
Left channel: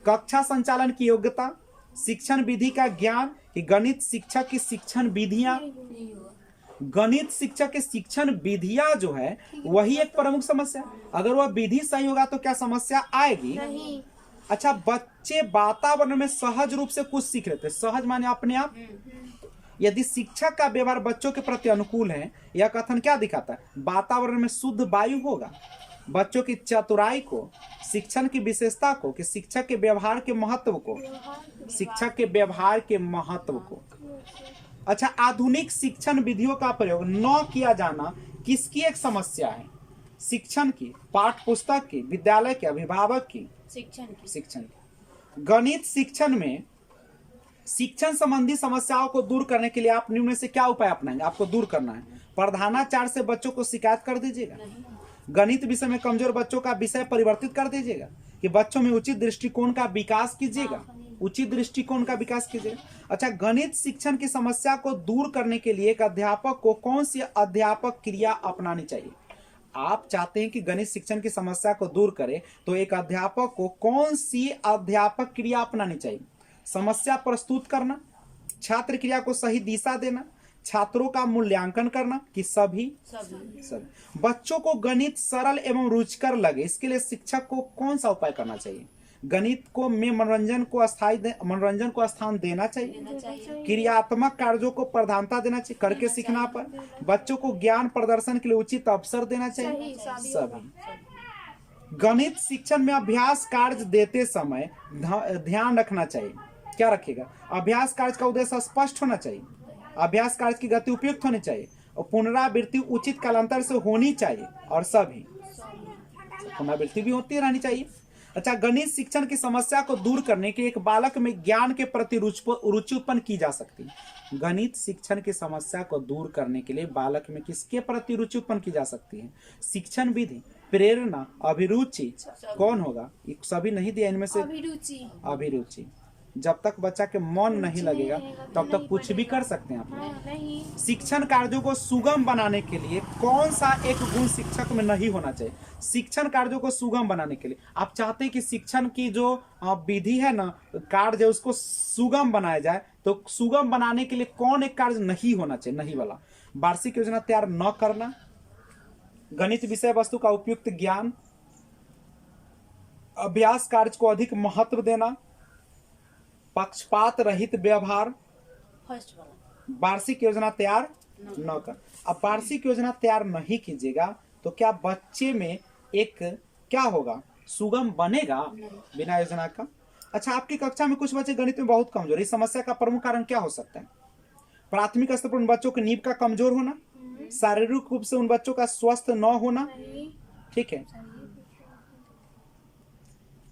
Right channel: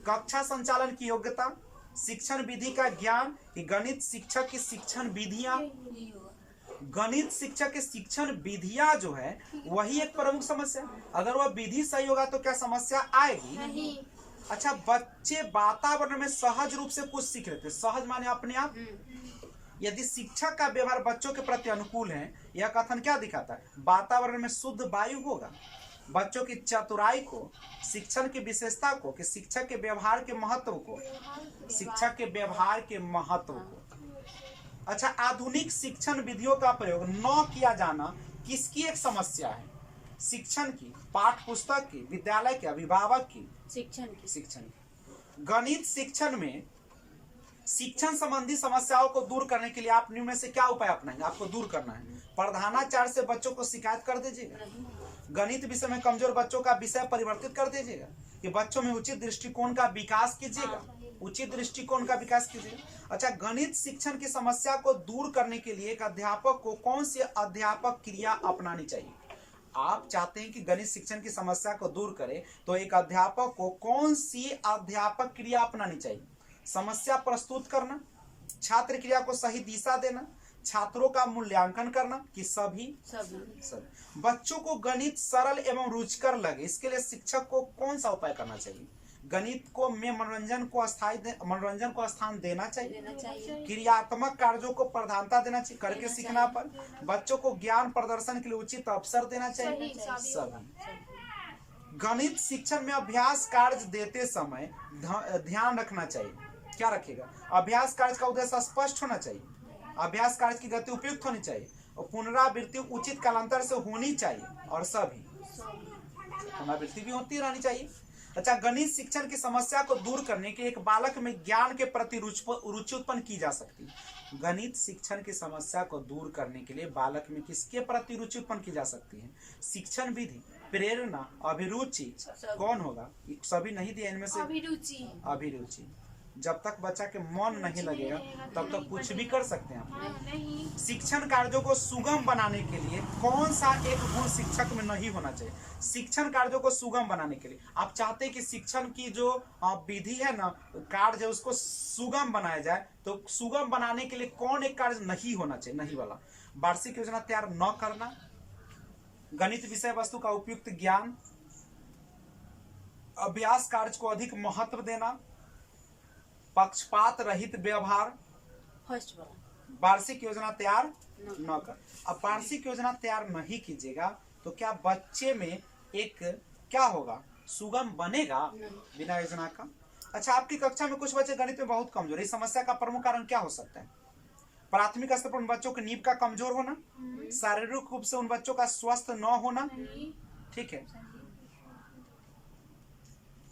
कक्षा संचालन की योग्यता, शिक्षण विधि का ज्ञान, कि गणित शिक्षक की शिक्षण विधियां, गणित शिक्षक की शिक्षण विधियां जो है वही एक प्रमुख समस्या। अगर वह विधि सही होगा तो क्या समस्या आएगी? नहीं। अच्छा, बच्चे वातावरण में सहज रूप से कुछ सीख लेते, सहज माने अपने आप। यदि शिक्षक का व्यवहार बच्चों के प्रति अनुकूल है, यह कथन क्या दिखाता है? वातावरण में शुद्ध वायु होगा। बच्चों की चतुराई को, शिक्षण की विशेषता को, कि शिक्षक के व्यवहार के महत्व को, शिक्षक के व्यवहार के महत्व को। अच्छा, आधुनिक शिक्षण विधियों का प्रयोग न किया जाना किसकी एक समस्या है? शिक्षण की, पाठ्य पुस्तक की, विद्यालय के, अभिभावक की? शिक्षण की। गणित शिक्षण में शिक्षण संबंधी समस्याओं को दूर करने के लिए आप निम्न में से क्या उपाय अपनाएंगे? आपको दूर करना है। प्रधानाचार्य से बच्चों को शिकायत कर दीजिएगा, गणित विषय में कमजोर बच्चों का विषय परिवर्तित कर दीजिएगा, कि बच्चों में उचित दृष्टिकोण का विकास कीजिएगा, उचित दृष्टिकोण का विकास कीजिएगा। अच्छा, गणित शिक्षण की समस्या को दूर करने के लिए एक अध्यापक को कौन सी अध्यापक क्रिया अपनानी चाहिए? आप चाहते हैं कि गणित शिक्षण की समस्या को दूर करें, तो एक अध्यापक को कौन सी अध्यापक क्रिया अपनानी चाहिए? समस्या प्रस्तुत करना, छात्र क्रिया को सही दिशा देना, छात्रों का मूल्यांकन करना, कि सभी? बच्चों को गणित सरल एवं रुचिकर लगे, इसके लिए शिक्षक को कौन सा उपाय करना चाहिए? गणित को में मनोरंजन को स्थान देना चाहिए, क्रियात्मक कार्यों को प्रधानता देना चाहिए, करके सीखना पर बच्चों को ज्ञान प्रदर्शन के लिए उचित अवसर देना चाहिए, सभी। गणित शिक्षण में अभ्यास कार्य देते समय ध्यान रखना चाहिए, क्या रखिएगा? अभ्यास कार्य का उद्देश्य स्पष्ट होना चाहिए, अभ्यास कार्य की गति उपयुक्त होनी चाहिए और पुनरावृत्ति उचित कालांतर से होनी चाहिए और सभी पुनरावृत्ति भी होती रहनी चाहिए। अच्छा, गणित शिक्षण की समस्या को दूर करने के एक बालक में ज्ञान के प्रति रुचि उत्पन्न की जा सकती है। गणित शिक्षण की समस्या को दूर करने के लिए बालक में किसके प्रति रुचि उत्पन्न की जा सकती है? शिक्षण विधि, प्रेरणा, अभिरुचि, कौन होगा? ये सभी नहीं दिया इनमें से। अभिरुचि। जब तक बच्चा के मन नहीं लगेगा तब तक कुछ भी कर सकते हैं आप। शिक्षण कार्यों को सुगम बनाने के लिए कौन सा एक गुण शिक्षक में नहीं होना चाहिए? शिक्षण कार्यों को सुगम बनाने के लिए आप चाहते हैं कि शिक्षण की जो विधि है ना, कार्य उसको सुगम बनाया जाए, तो सुगम बनाने के लिए कौन एक कार्य नहीं होना चाहिए? नहीं वाला। वार्षिक योजना तैयार न करना, गणित विषय वस्तु का उपयुक्त ज्ञान, अभ्यास कार्य को अधिक महत्व देना, पक्षपात रहित व्यवहार, वार्षिक योजना तैयार न कर। अब वार्षिक योजना तैयार नहीं कीजिएगा तो क्या बच्चे में एक क्या होगा? सुगम बनेगा बिना योजना का? अच्छा, आपकी कक्षा में कुछ बच्चे गणित में बहुत कमजोर, इस समस्या का प्रमुख कारण क्या हो सकता है? प्राथमिक स्तर पर उन बच्चों की नींव का कमजोर होना, शारीरिक रूप से उन बच्चों का स्वस्थ न होना। ठीक है,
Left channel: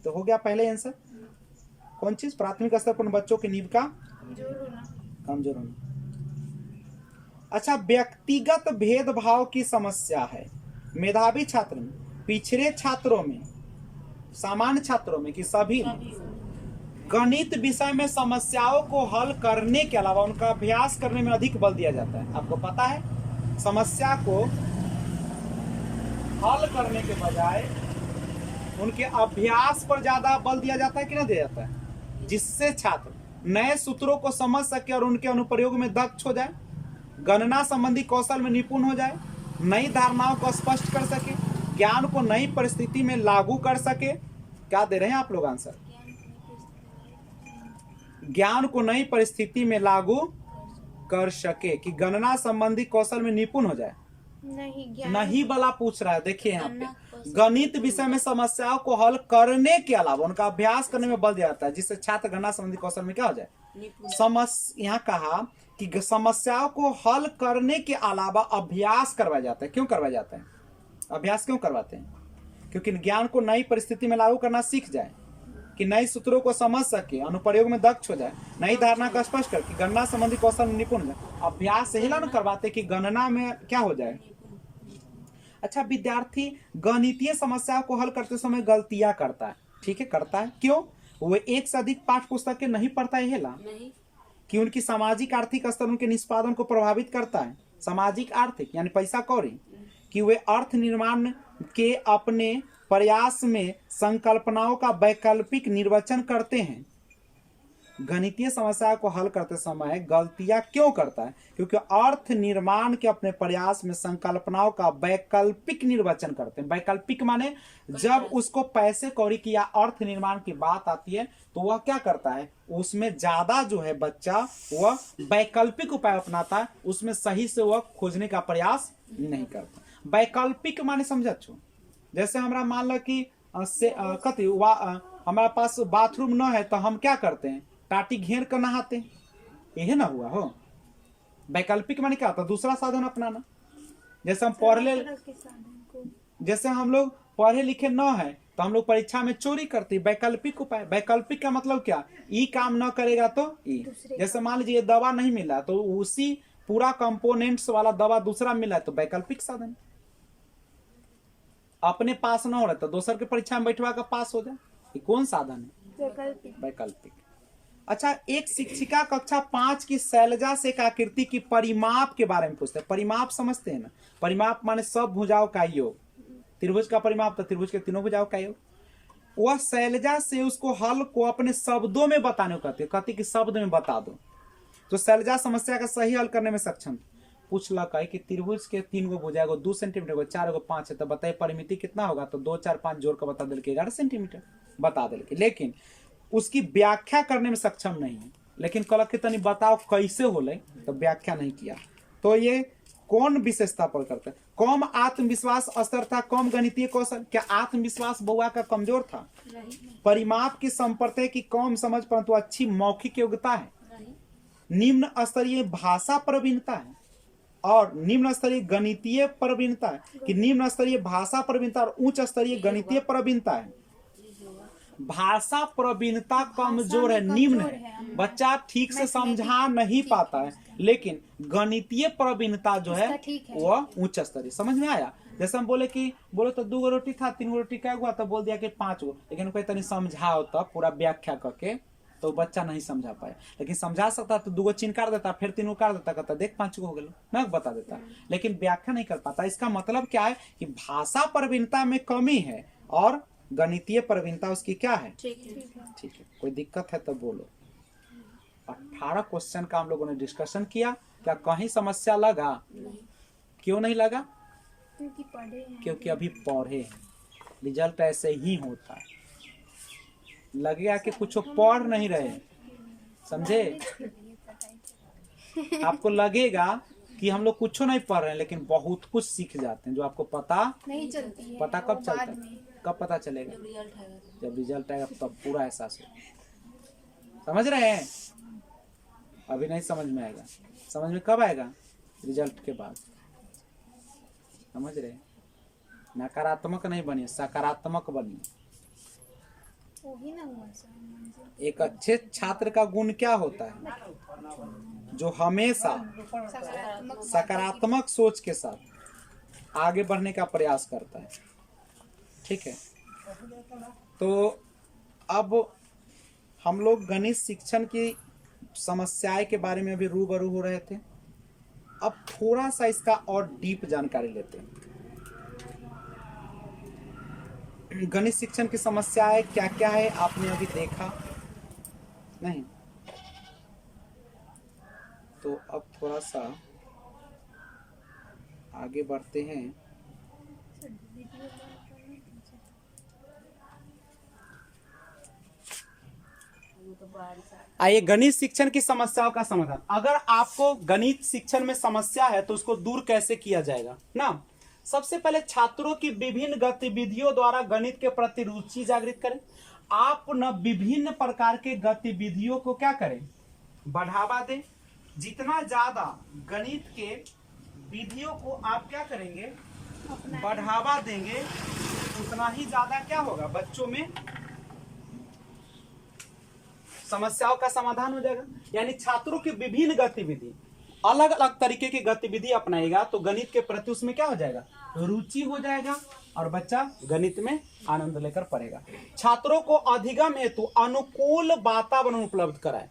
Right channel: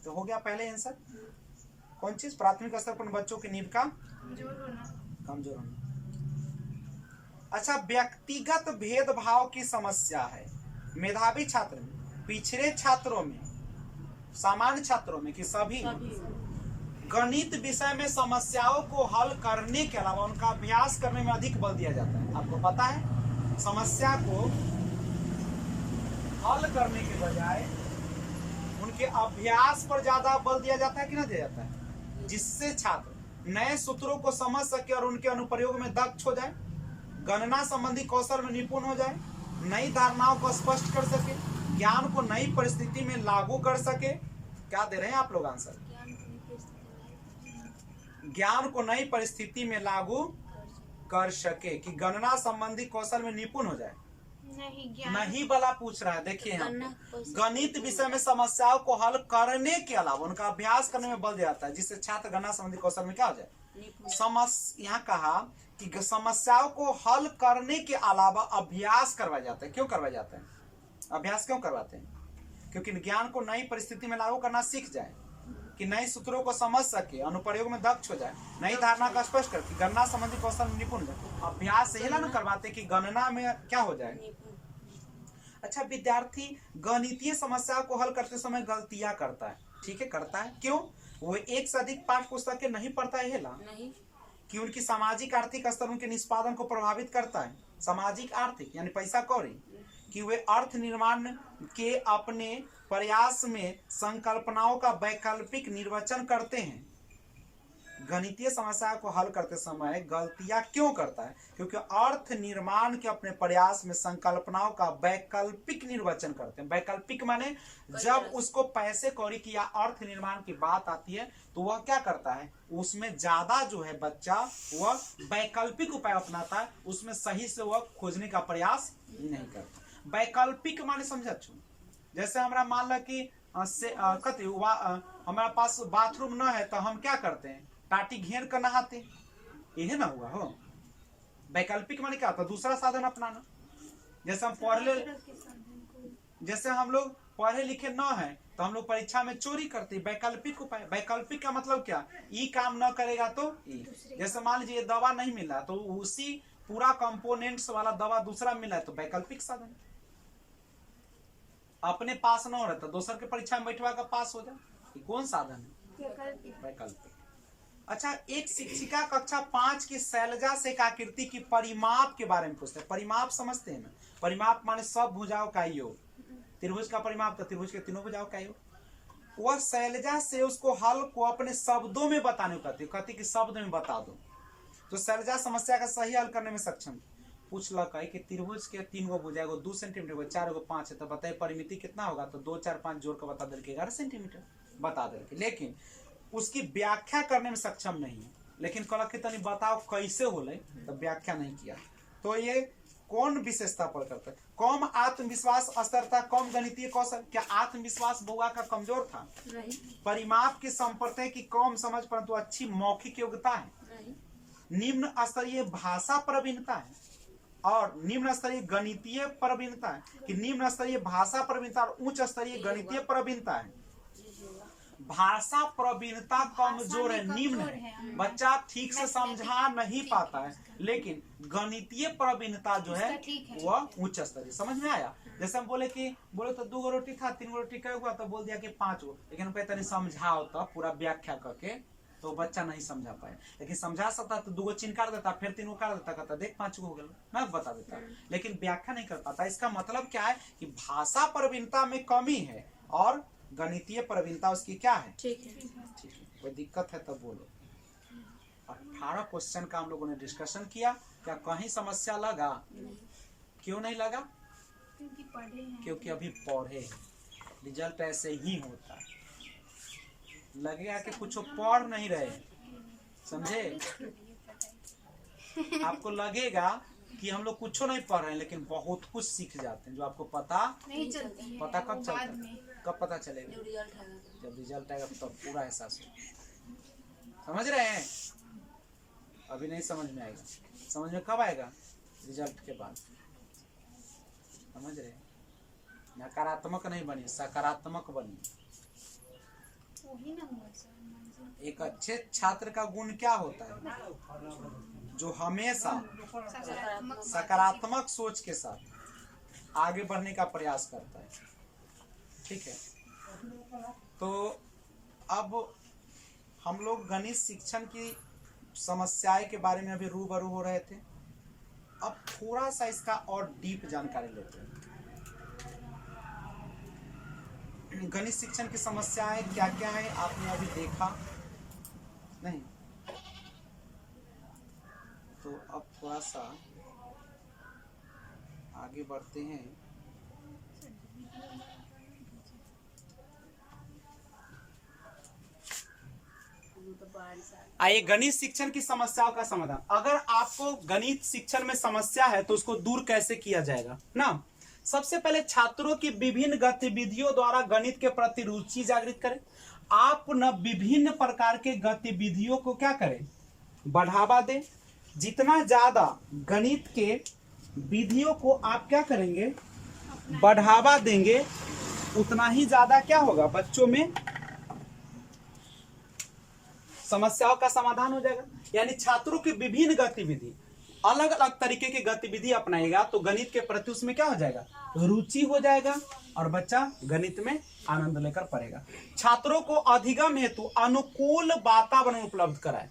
तो हो गया पहले आंसर। कौन चीज? प्राथमिक स्तर पर बच्चों की नींव का कमजोर होना। अच्छा, व्यक्तिगत भेदभाव की समस्या है मेधावी छात्र में, पिछड़े छात्रों में, सामान्य छात्रों में कि सभी? गणित विषय में समस्याओं को हल करने के अलावा उनका अभ्यास करने में अधिक बल दिया जाता है। आपको पता है, समस्या को हल करने के बजाय उनके अभ्यास पर ज्यादा बल दिया जाता है कि नहीं दिया जाता है? जिससे छात्र नए सूत्रों को समझ सके और उनके अनुप्रयोग में दक्ष हो जाए, गणना संबंधी कौशल में निपुण हो जाए, नई धारणाओं को स्पष्ट कर सके, ज्ञान को नई परिस्थिति में लागू कर सके। क्या दे रहे हैं आप लोग आंसर? ज्ञान को नई परिस्थिति में लागू कर सके कि गणना संबंधी कौशल में निपुण हो जाए। नहीं वाला पूछ रहा है। देखिए यहाँ पे गणित विषय में समस्याओं को हल करने के अलावा उनका अभ्यास करने में बल दिया जाता है, जिससे छात्र गणना संबंधी कौशल में क्या हो जाए? यहाँ कहा कि समस्याओं को हल करने के अलावा अभ्यास करवाया जाता है। क्यों करवाया जाता है? अभ्यास क्यों करवाते हैं? क्योंकि ज्ञान को नई परिस्थिति में लागू करना सीख जाए, कि नए सूत्रों को समझ सके, अनुप्रयोग में दक्ष हो जाए, नई धारणा का स्पष्ट करके गणना संबंधी कौशल में निपुण हो जाए। अभ्यास यही ना करवाते कि गणना में क्या हो जाए। अच्छा, विद्यार्थी गणितीय समस्या को हल करते समय गलतियां करता है। ठीक है, करता है। क्यों? वो एक से अधिक पाठ्य पुस्तकें नहीं पढ़ता है ना, कि उनकी सामाजिक आर्थिक स्तर उनके निष्पादन को प्रभावित करता है। सामाजिक आर्थिक यानी पैसा कौड़ी, कि वे अर्थ निर्माण के अपने प्रयास में संकल्पनाओं का वैकल्पिक निर्वचन करते हैं। गणितीय समस्या को हल करते समय गलतियां क्यों करता है? क्योंकि अर्थ निर्माण के अपने प्रयास में संकल्पनाओं का वैकल्पिक निर्वचन करते हैं। वैकल्पिक माने जब उसको पैसे कौड़ी की या अर्थ निर्माण की बात आती है तो वह क्या करता है? उसमें ज्यादा जो है बच्चा वह वैकल्पिक उपाय अपनाता है, उसमें सही से वह खोजने का प्रयास नहीं करता। वैकल्पिक माने समझ छो, जैसे हमारा मान लो कि हमारे पास बाथरूम न है तो हम क्या करते हैं? टाटी घेर कर नहाते। यही ना हुआ हो। वैकल्पिक माने क्या होता है? दूसरा साधन अपनाना। जैसे हम लोग पढ़े लिखे न है तो हम लोग परीक्षा में चोरी करते। वैकल्पिक उपाय। वैकल्पिक का मतलब क्या? ई काम न करेगा तो ई। जैसे मान लीजिए दवा नहीं मिला तो उसी पूरा कंपोनेंट्स वाला दवा दूसरा मिला तो वैकल्पिक साधन। अपने पास न हो रहा तो दूसर के परीक्षा में बैठवा कर पास हो जाए, ये कौन साधन है? वैकल्पिक। अच्छा, एक शिक्षिका कक्षा 5 की शैलजा से एक आकृति की परिमाप के बारे में पूछते हैं। परिमाप समझते हैं ना? परिमाप माने सब भुजाओं का योग। त्रिभुज का परिमाप तो त्रिभुज के तीनों भुजाओं का योग। वह शैलजा से उसको हल को अपने शब्दों में बताने को कहती कि शब्द में बता दो। तो शैलजा समस्या का सही हल करने में सक्षम। पूछ लगा कि त्रिभुज के 3 गो भुजा, 2 सेंटीमीटर को 4 को 5 है, तो बताइए परिमिति कितना होगा? तो 2 4 5 जोड़ कर बता दिल के 11 सेंटीमीटर बता दिल के। लेकिन उसकी व्याख्या करने में सक्षम नहीं है। लेकिन कल के तनी बताओ कैसे होले, तो व्याख्या नहीं किया। तो ये कौन विशेषता पर करता है? कम आत्मविश्वास स्तर था, कम गणितीय कौशल। क्या आत्मविश्वास बउआ का कमजोर था? परिमाप की संपर्क की कम समझ परंतु अच्छी मौखिक योग्यता है। निम्न स्तरीय भाषा प्रवीणता है और निम्न स्तरीय गणितीय प्रवीणता है, कि निम्न स्तरीय भाषा प्रवीणता और उच्च स्तरीय गणितीय प्रवीणता है। भाषा प्रवीणता कमजोर है, निम्न है, बच्चा ठीक से समझा नहीं पाता है, लेकिन गणितीय प्रवीणता जो है वह उच्च स्तरीय। समझ में आया? जैसे हम बोले तो 2 गो रोटी था, 3 गो रोटी क्या हुआ, तो बोल दिया कि 5 गो, लेकिन कोई तनी समझाओ तो पूरा व्याख्या करके, तो बच्चा नहीं समझा पाए। लेकिन समझा सकता तो 2 गो चिन्ह काट देता, फिर 3 गो काट देता, कहता देख 5 गो हो गया, मैं बता देता, लेकिन व्याख्या नहीं कर पाता। इसका मतलब क्या है कि भाषा प्रवीणता में कमी है और गणितीय प्रवीणता उसकी क्या है? ठीक है। कोई दिक्कत है तो बोलो। 18 क्वेश्चन का हम लोगों ने डिस्कशन किया, क्या कहीं समस्या लगा? क्यों नहीं लगा? क्योंकि अभी पढ़े, रिजल्ट ऐसे ही होता है। लगेगा कि कुछ पढ़ नहीं रहे, समझे? आपको लगेगा कि हम लोग कुछ नहीं पढ़ रहे हैं, लेकिन बहुत कुछ सीख जाते हैं जो आपको पता नहीं चलती है। पता कब चलता है? कब पता चलेगा? जब रिजल्ट आएगा तब पूरा एहसास हो। समझ रहे हैं? अभी नहीं समझ में आएगा, समझ में कब आएगा? रिजल्ट के बाद। समझ रहे हैं? नकारात्मक नहीं बनिए, सकारात्मक बनिए। एक अच्छे छात्र का गुण क्या होता है? जो हमेशा सकारात्मक सोच के साथ आगे बढ़ने का प्रयास करता है। ठीक है, तो अब हम लोग गणित शिक्षण की समस्याएं के बारे में अभी रूबरू हो रहे थे। अब थोड़ा सा इसका और डीप जानकारी लेते हैं। गणित शिक्षण की समस्याएं क्या क्या है आपने अभी देखा नहीं, तो अब थोड़ा सा आगे बढ़ते हैं। आइए गणित शिक्षण की समस्याओं का समाधान। अगर आपको गणित शिक्षण में समस्या है तो उसको दूर कैसे किया जाएगा ना? सबसे पहले छात्रों की विभिन्न गतिविधियों द्वारा गणित के प्रति रुचि जागृत करें। आप न विभिन्न प्रकार के गतिविधियों को क्या करें? बढ़ावा दें। जितना ज्यादा गणित के विधियों को आप क्या करेंगे? बढ़ावा देंगे, उतना ही ज्यादा क्या होगा? बच्चों में समस्याओं का समाधान हो जाएगा। यानी छात्रों की विभिन्न गतिविधि, अलग अलग तरीके की गतिविधि अपनाएगा तो गणित के प्रति उसमें क्या हो जाएगा? रुचि हो जाएगा और बच्चा गणित में आनंद लेकर पढ़ेगा। छात्रों को अधिगम हेतु अनुकूल वातावरण उपलब्ध कराए।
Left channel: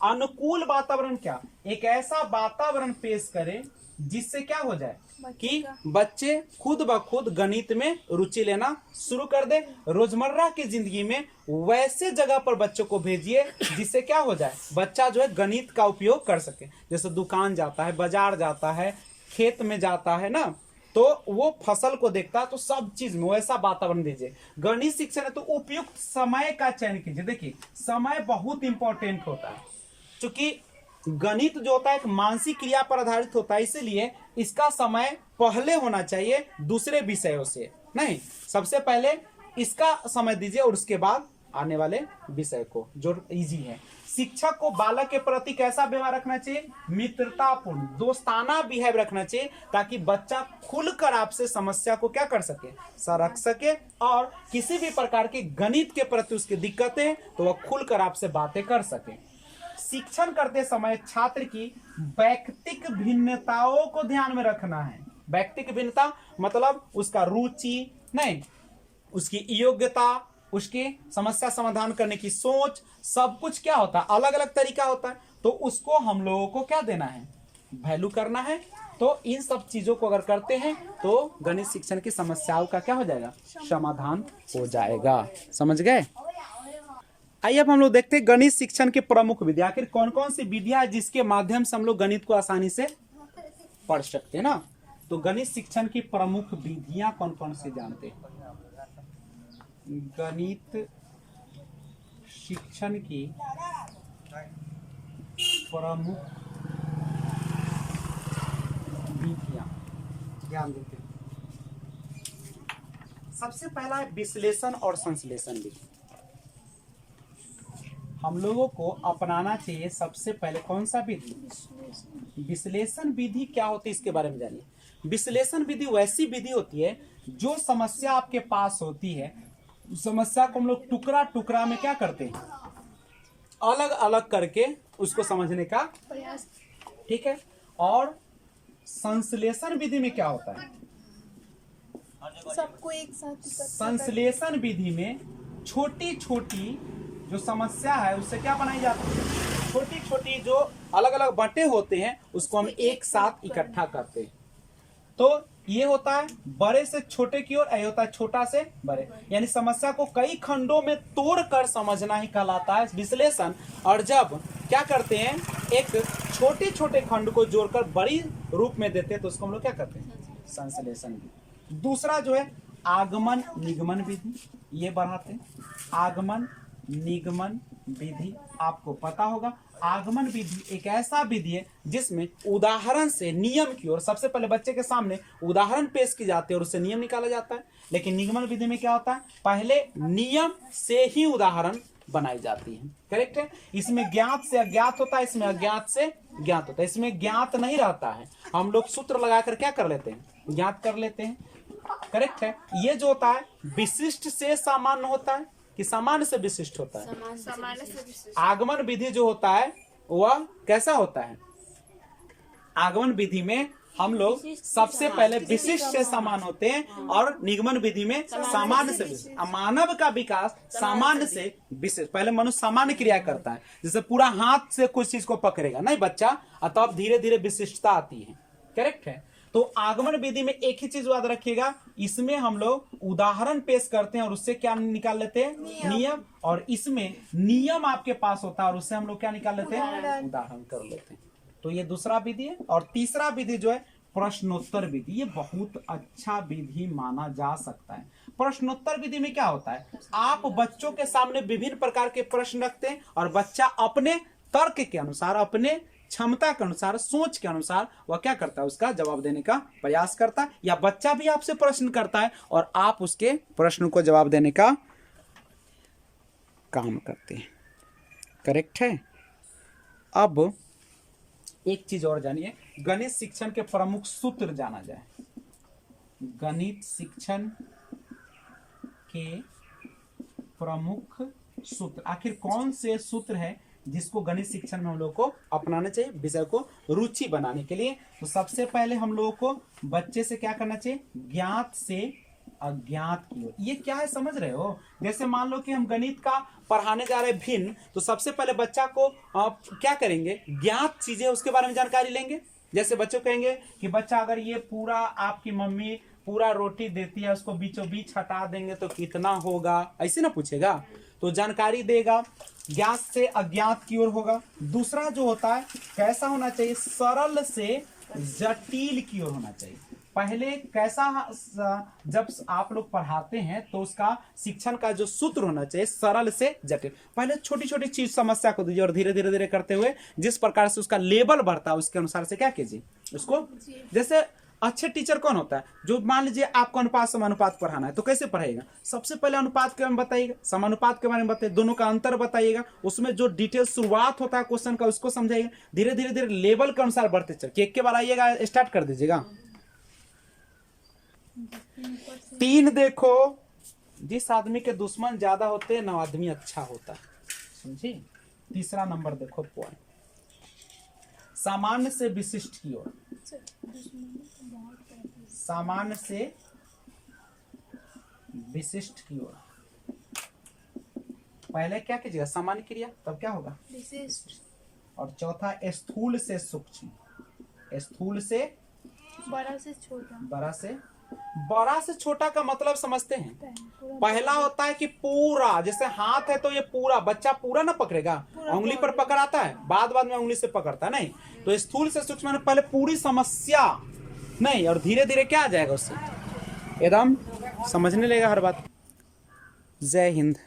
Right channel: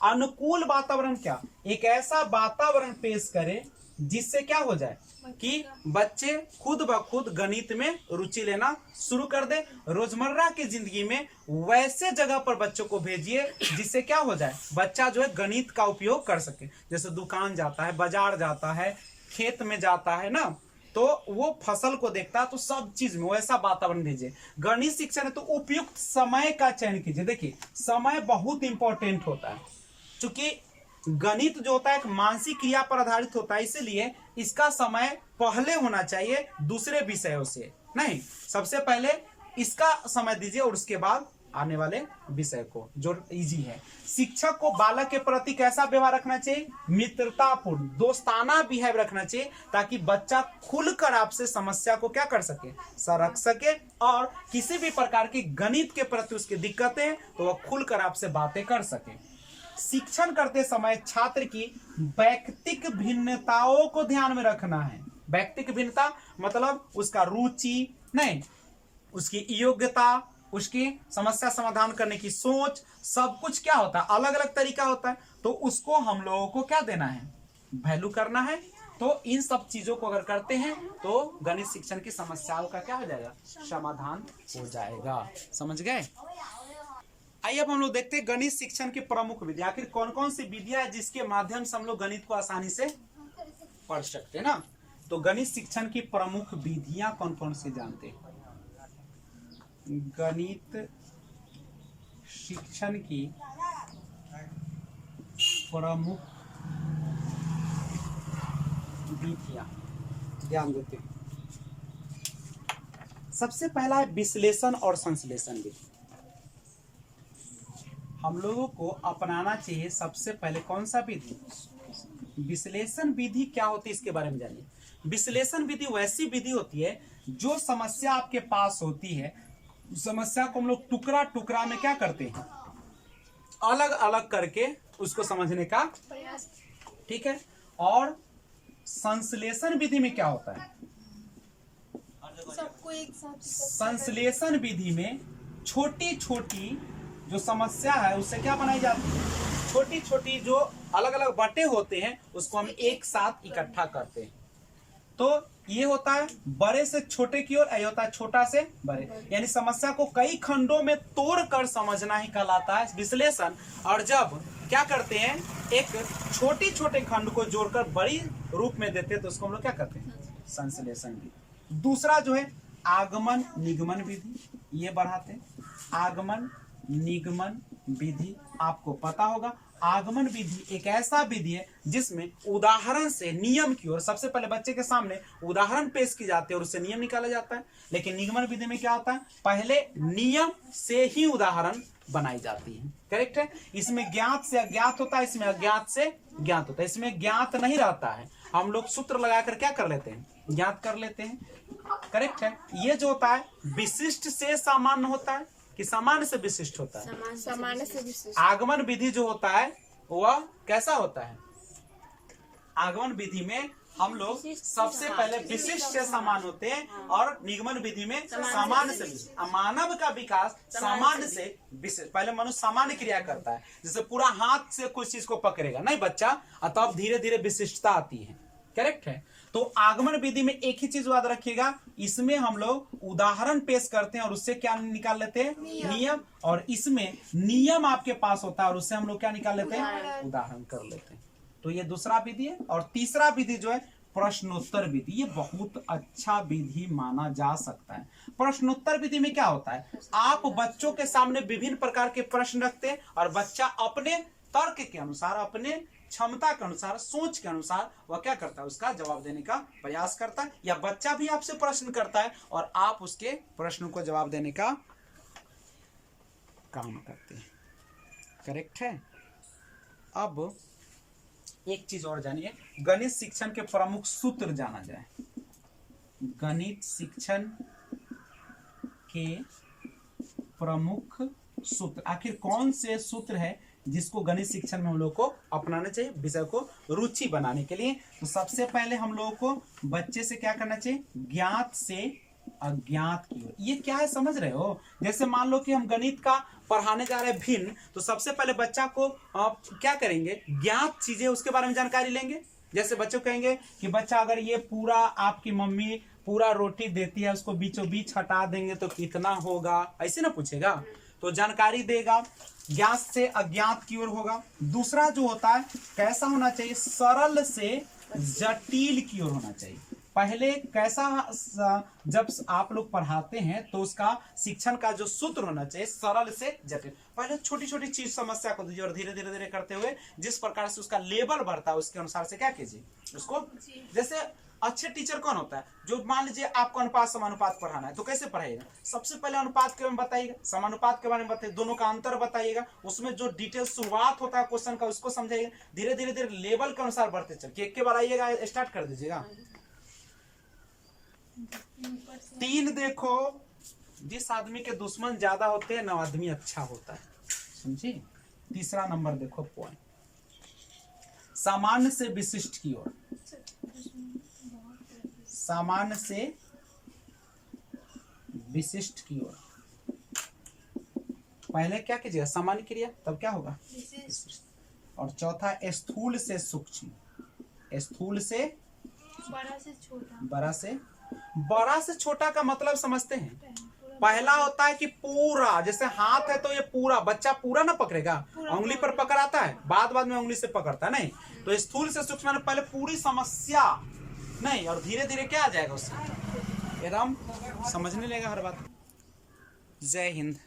अनुकूल वातावरण क्या? एक ऐसा वातावरण पेश करे जिससे क्या हो जाए कि बच्चे खुद ब खुद गणित में रुचि लेना शुरू कर दे। रोजमर्रा की जिंदगी में वैसे जगह पर बच्चों को भेजिए जिससे क्या हो जाए? बच्चा जो है गणित का उपयोग कर सके। जैसे दुकान जाता है, बाजार जाता है, खेत में जाता है ना, तो वो फसल को देखता है, तो सब चीज में वैसा वातावरण भेजिए। गणित शिक्षण है तो उपयुक्त समय का चयन कीजिए। देखिए समय बहुत इंपॉर्टेंट होता है, क्योंकि गणित जो होता है एक मानसिक क्रिया पर आधारित होता है, इसलिए इसका समय पहले होना चाहिए दूसरे विषयों से नहीं। सबसे पहले इसका समय दीजिए और उसके बाद आने वाले विषय को जो इजी है। शिक्षक को बालक के प्रति कैसा व्यवहार रखना चाहिए? मित्रतापूर्ण, दोस्ताना बिहेव रखना चाहिए, ताकि बच्चा खुलकर आपसे समस्या को क्या कर सके? रख सके, और किसी भी प्रकार की गणित के प्रति उसकी दिक्कतें तो वह खुलकर आपसे बातें कर सके। शिक्षण करते समय छात्र की वैयक्तिक भिन्नताओं को ध्यान में रखना है। वैयक्तिक भिन्नता मतलब उसका रुचि नहीं, उसकी योग्यता, उसकी समस्या समाधान करने की सोच, सब कुछ क्या होता है? अलग अलग तरीका होता है, तो उसको हम लोगों को क्या देना है? वैल्यू करना है। तो इन सब चीजों को अगर करते हैं तो गणित शिक्षण की समस्याओं का क्या हो जाएगा? समाधान हो जाएगा। समझ गए? आइए अब हम लोग देखते हैं गणित शिक्षण के प्रमुख विधि। आखिर कौन कौन सी विधियां है जिसके माध्यम से हम लोग गणित को आसानी से पढ़ सकते हैं ना? तो गणित शिक्षण की प्रमुख विधियां कौन कौन सी जानते हैं? गणित शिक्षण की प्रमुख विधियां ध्यान देते हैं। सबसे पहला है विश्लेषण और संश्लेषण विधि। हम लोगों को अपनाना चाहिए सबसे पहले कौन सा विधि? विश्लेषण विधि क्या होती है इसके बारे में जानिए। विश्लेषण विधि वैसी विधि होती है जो समस्या आपके पास होती है, समस्या को हम लोग टुकड़ा टुकड़ा में क्या करते हैं, अलग अलग करके उसको समझने का, प्रयास। ठीक है। और संश्लेषण विधि में क्या होता है? सबको एक साथ संश्लेषण विधि में छोटी छोटी जो समस्या है उससे क्या बनाई जाती है, छोटी छोटी जो अलग अलग बटे होते हैं उसको हम एक साथ इकट्ठा करते हैं। तो ये होता है बड़े से छोटे की ओर, ये होता है छोटा से बड़े, यानी समस्या को कई खंडों में तोड़कर समझना ही कहलाता है विश्लेषण। और जब क्या करते हैं, एक छोटे छोटे खंड को जोड़कर बड़ी रूप में देते हैं तो उसको हम लोग क्या करते हैं, संश्लेषण विधि। दूसरा जो है आगमन निगमन विधि, ये बढ़ाते हैं। आगमन निगमन विधि आपको पता होगा। आगमन विधि एक ऐसा विधि है जिसमें उदाहरण से नियम की ओर, सबसे पहले बच्चे के सामने उदाहरण पेश की जाती है और उससे नियम निकाला जाता है। लेकिन निगमन विधि में क्या होता है, पहले नियम से ही उदाहरण बनाई जाती है। करेक्ट है। इसमें ज्ञात से अज्ञात होता है, इसमें अज्ञात से ज्ञात होता है। इसमें ज्ञात नहीं रहता है, हम लोग सूत्र लगाकर क्या कर लेते हैं, ज्ञात कर लेते हैं। करेक्ट है। ये जो होता है विशिष्ट से सामान्य होता है कि सामान्य से विशिष्ट होता है। सामान्य से विशिष्ट। आगमन विधि जो होता है वह कैसा होता है, आगमन विधि में हम लोग सबसे पहले विशिष्ट से समान होते हैं और निगमन विधि में सामान्य से विशिष्ट। मानव का विकास सामान्य से विशिष्ट, पहले मनुष्य सामान्य क्रिया करता है, जैसे पूरा हाथ से कुछ चीज को पकड़ेगा नहीं बच्चा, तब धीरे धीरे विशिष्टता आती है। करेक्ट है। तो आगमन विधि में एक ही चीज याद रखिएगा, इसमें हम लोग उदाहरण पेश करते हैं और उससे क्या निकाल लेते हैं, नियम। और इसमें नियम आपके पास होता है और उससे हम लोग क्या निकाल लेते हैं, उदाहरण कर लेते हैं। तो ये दूसरा विधि है। और तीसरा विधि जो है प्रश्नोत्तर विधि, ये बहुत अच्छा विधि माना जा सकता है। प्रश्नोत्तर विधि में क्या होता है, आप बच्चों के सामने विभिन्न प्रकार के प्रश्न रखते हैं और बच्चा अपने तर्क के अनुसार, अपने क्षमता के अनुसार, सोच के अनुसार वह क्या करता है, उसका जवाब देने का प्रयास करता है। या बच्चा भी आपसे प्रश्न करता है और आप उसके प्रश्न को जवाब देने का काम करते हैं। करेक्ट है। अब एक चीज और जानिए, गणित शिक्षण के प्रमुख सूत्र जाना जाए। गणित शिक्षण के प्रमुख सूत्र, आखिर कौन से सूत्र है जिसको गणित शिक्षण में हम लोग को अपनाना चाहिए विषय को रुचि बनाने के लिए। तो सबसे पहले हम लोगों को बच्चे से क्या करना चाहिए, ज्ञात से अज्ञात की ओर। ये क्या है समझ रहे हो, जैसे मान लो कि हम गणित का पढ़ाने जा रहे हैं भिन्न, तो सबसे पहले बच्चा को क्या करेंगे, ज्ञात चीजें उसके बारे में जानकारी लेंगे। जैसे बच्चों कहेंगे कि बच्चा अगर ये पूरा आपकी मम्मी पूरा रोटी देती है, उसको बीचों बीच हटा देंगे तो कितना होगा, ऐसे ना पूछेगा, तो जानकारी देगा। ज्ञात से अज्ञात की ओर होगा। दूसरा जो होता है कैसा होना चाहिए, सरल से जटिल की ओर होना चाहिए। पहले कैसा, जब आप लोग पढ़ाते हैं तो उसका शिक्षण का जो सूत्र होना चाहिए सरल से जटिल। पहले छोटी छोटी चीज समस्या को दीजिए और धीरे धीरे धीरे करते हुए जिस प्रकार से उसका लेवल बढ़ता है उसके अनुसार से क्या कीजिए उसको। जैसे अच्छे टीचर कौन होता है, जो मान लीजिए आपको अनुपात समानुपात पढ़ाना है तो कैसे पढ़ाइएगा, सबसे पहले अनुपात के बारे में बताइएगा, समानुपात के बारे में बताइए, दोनों का अंतर बताइएगा, उसमें जो डिटेल शुरुआत होता है क्वेश्चन का उसको समझाइएगा। धीरे धीरे धीरे लेवल के अनुसार बढ़ते चल, एक के बार आइएगा स्टार्ट कर दीजिएगा। 3 देखो, जिस आदमी के दुश्मन ज्यादा होते हैं ना आदमी अच्छा होता है, समझे। तीसरा नंबर देखो पॉइंट, सामान्य से विशिष्ट की ओर। सामान्य से विशिष्ट की ओर पहले क्या कीजिएगा, सामान्य क्रिया, तब क्या होगा विशिष्ट। और चौथा स्थूल से सूक्ष्म, स्थूल से बड़ा से छोटा। बड़ा से छोटा का मतलब समझते हैं। पहला होता है कि पूरा, जैसे हाथ है तो ये पूरा, बच्चा पूरा ना पकड़ेगा, उंगली पर पकड़ाता है, बाद में उंगली से पकड़ता है, नहीं। तो स्थूल से सूक्ष्म पहले पूरी समस्या नहीं, और धीरे धीरे क्या आ जाएगा उससे एकदम समझने लगेगा हर बात। जय हिंद।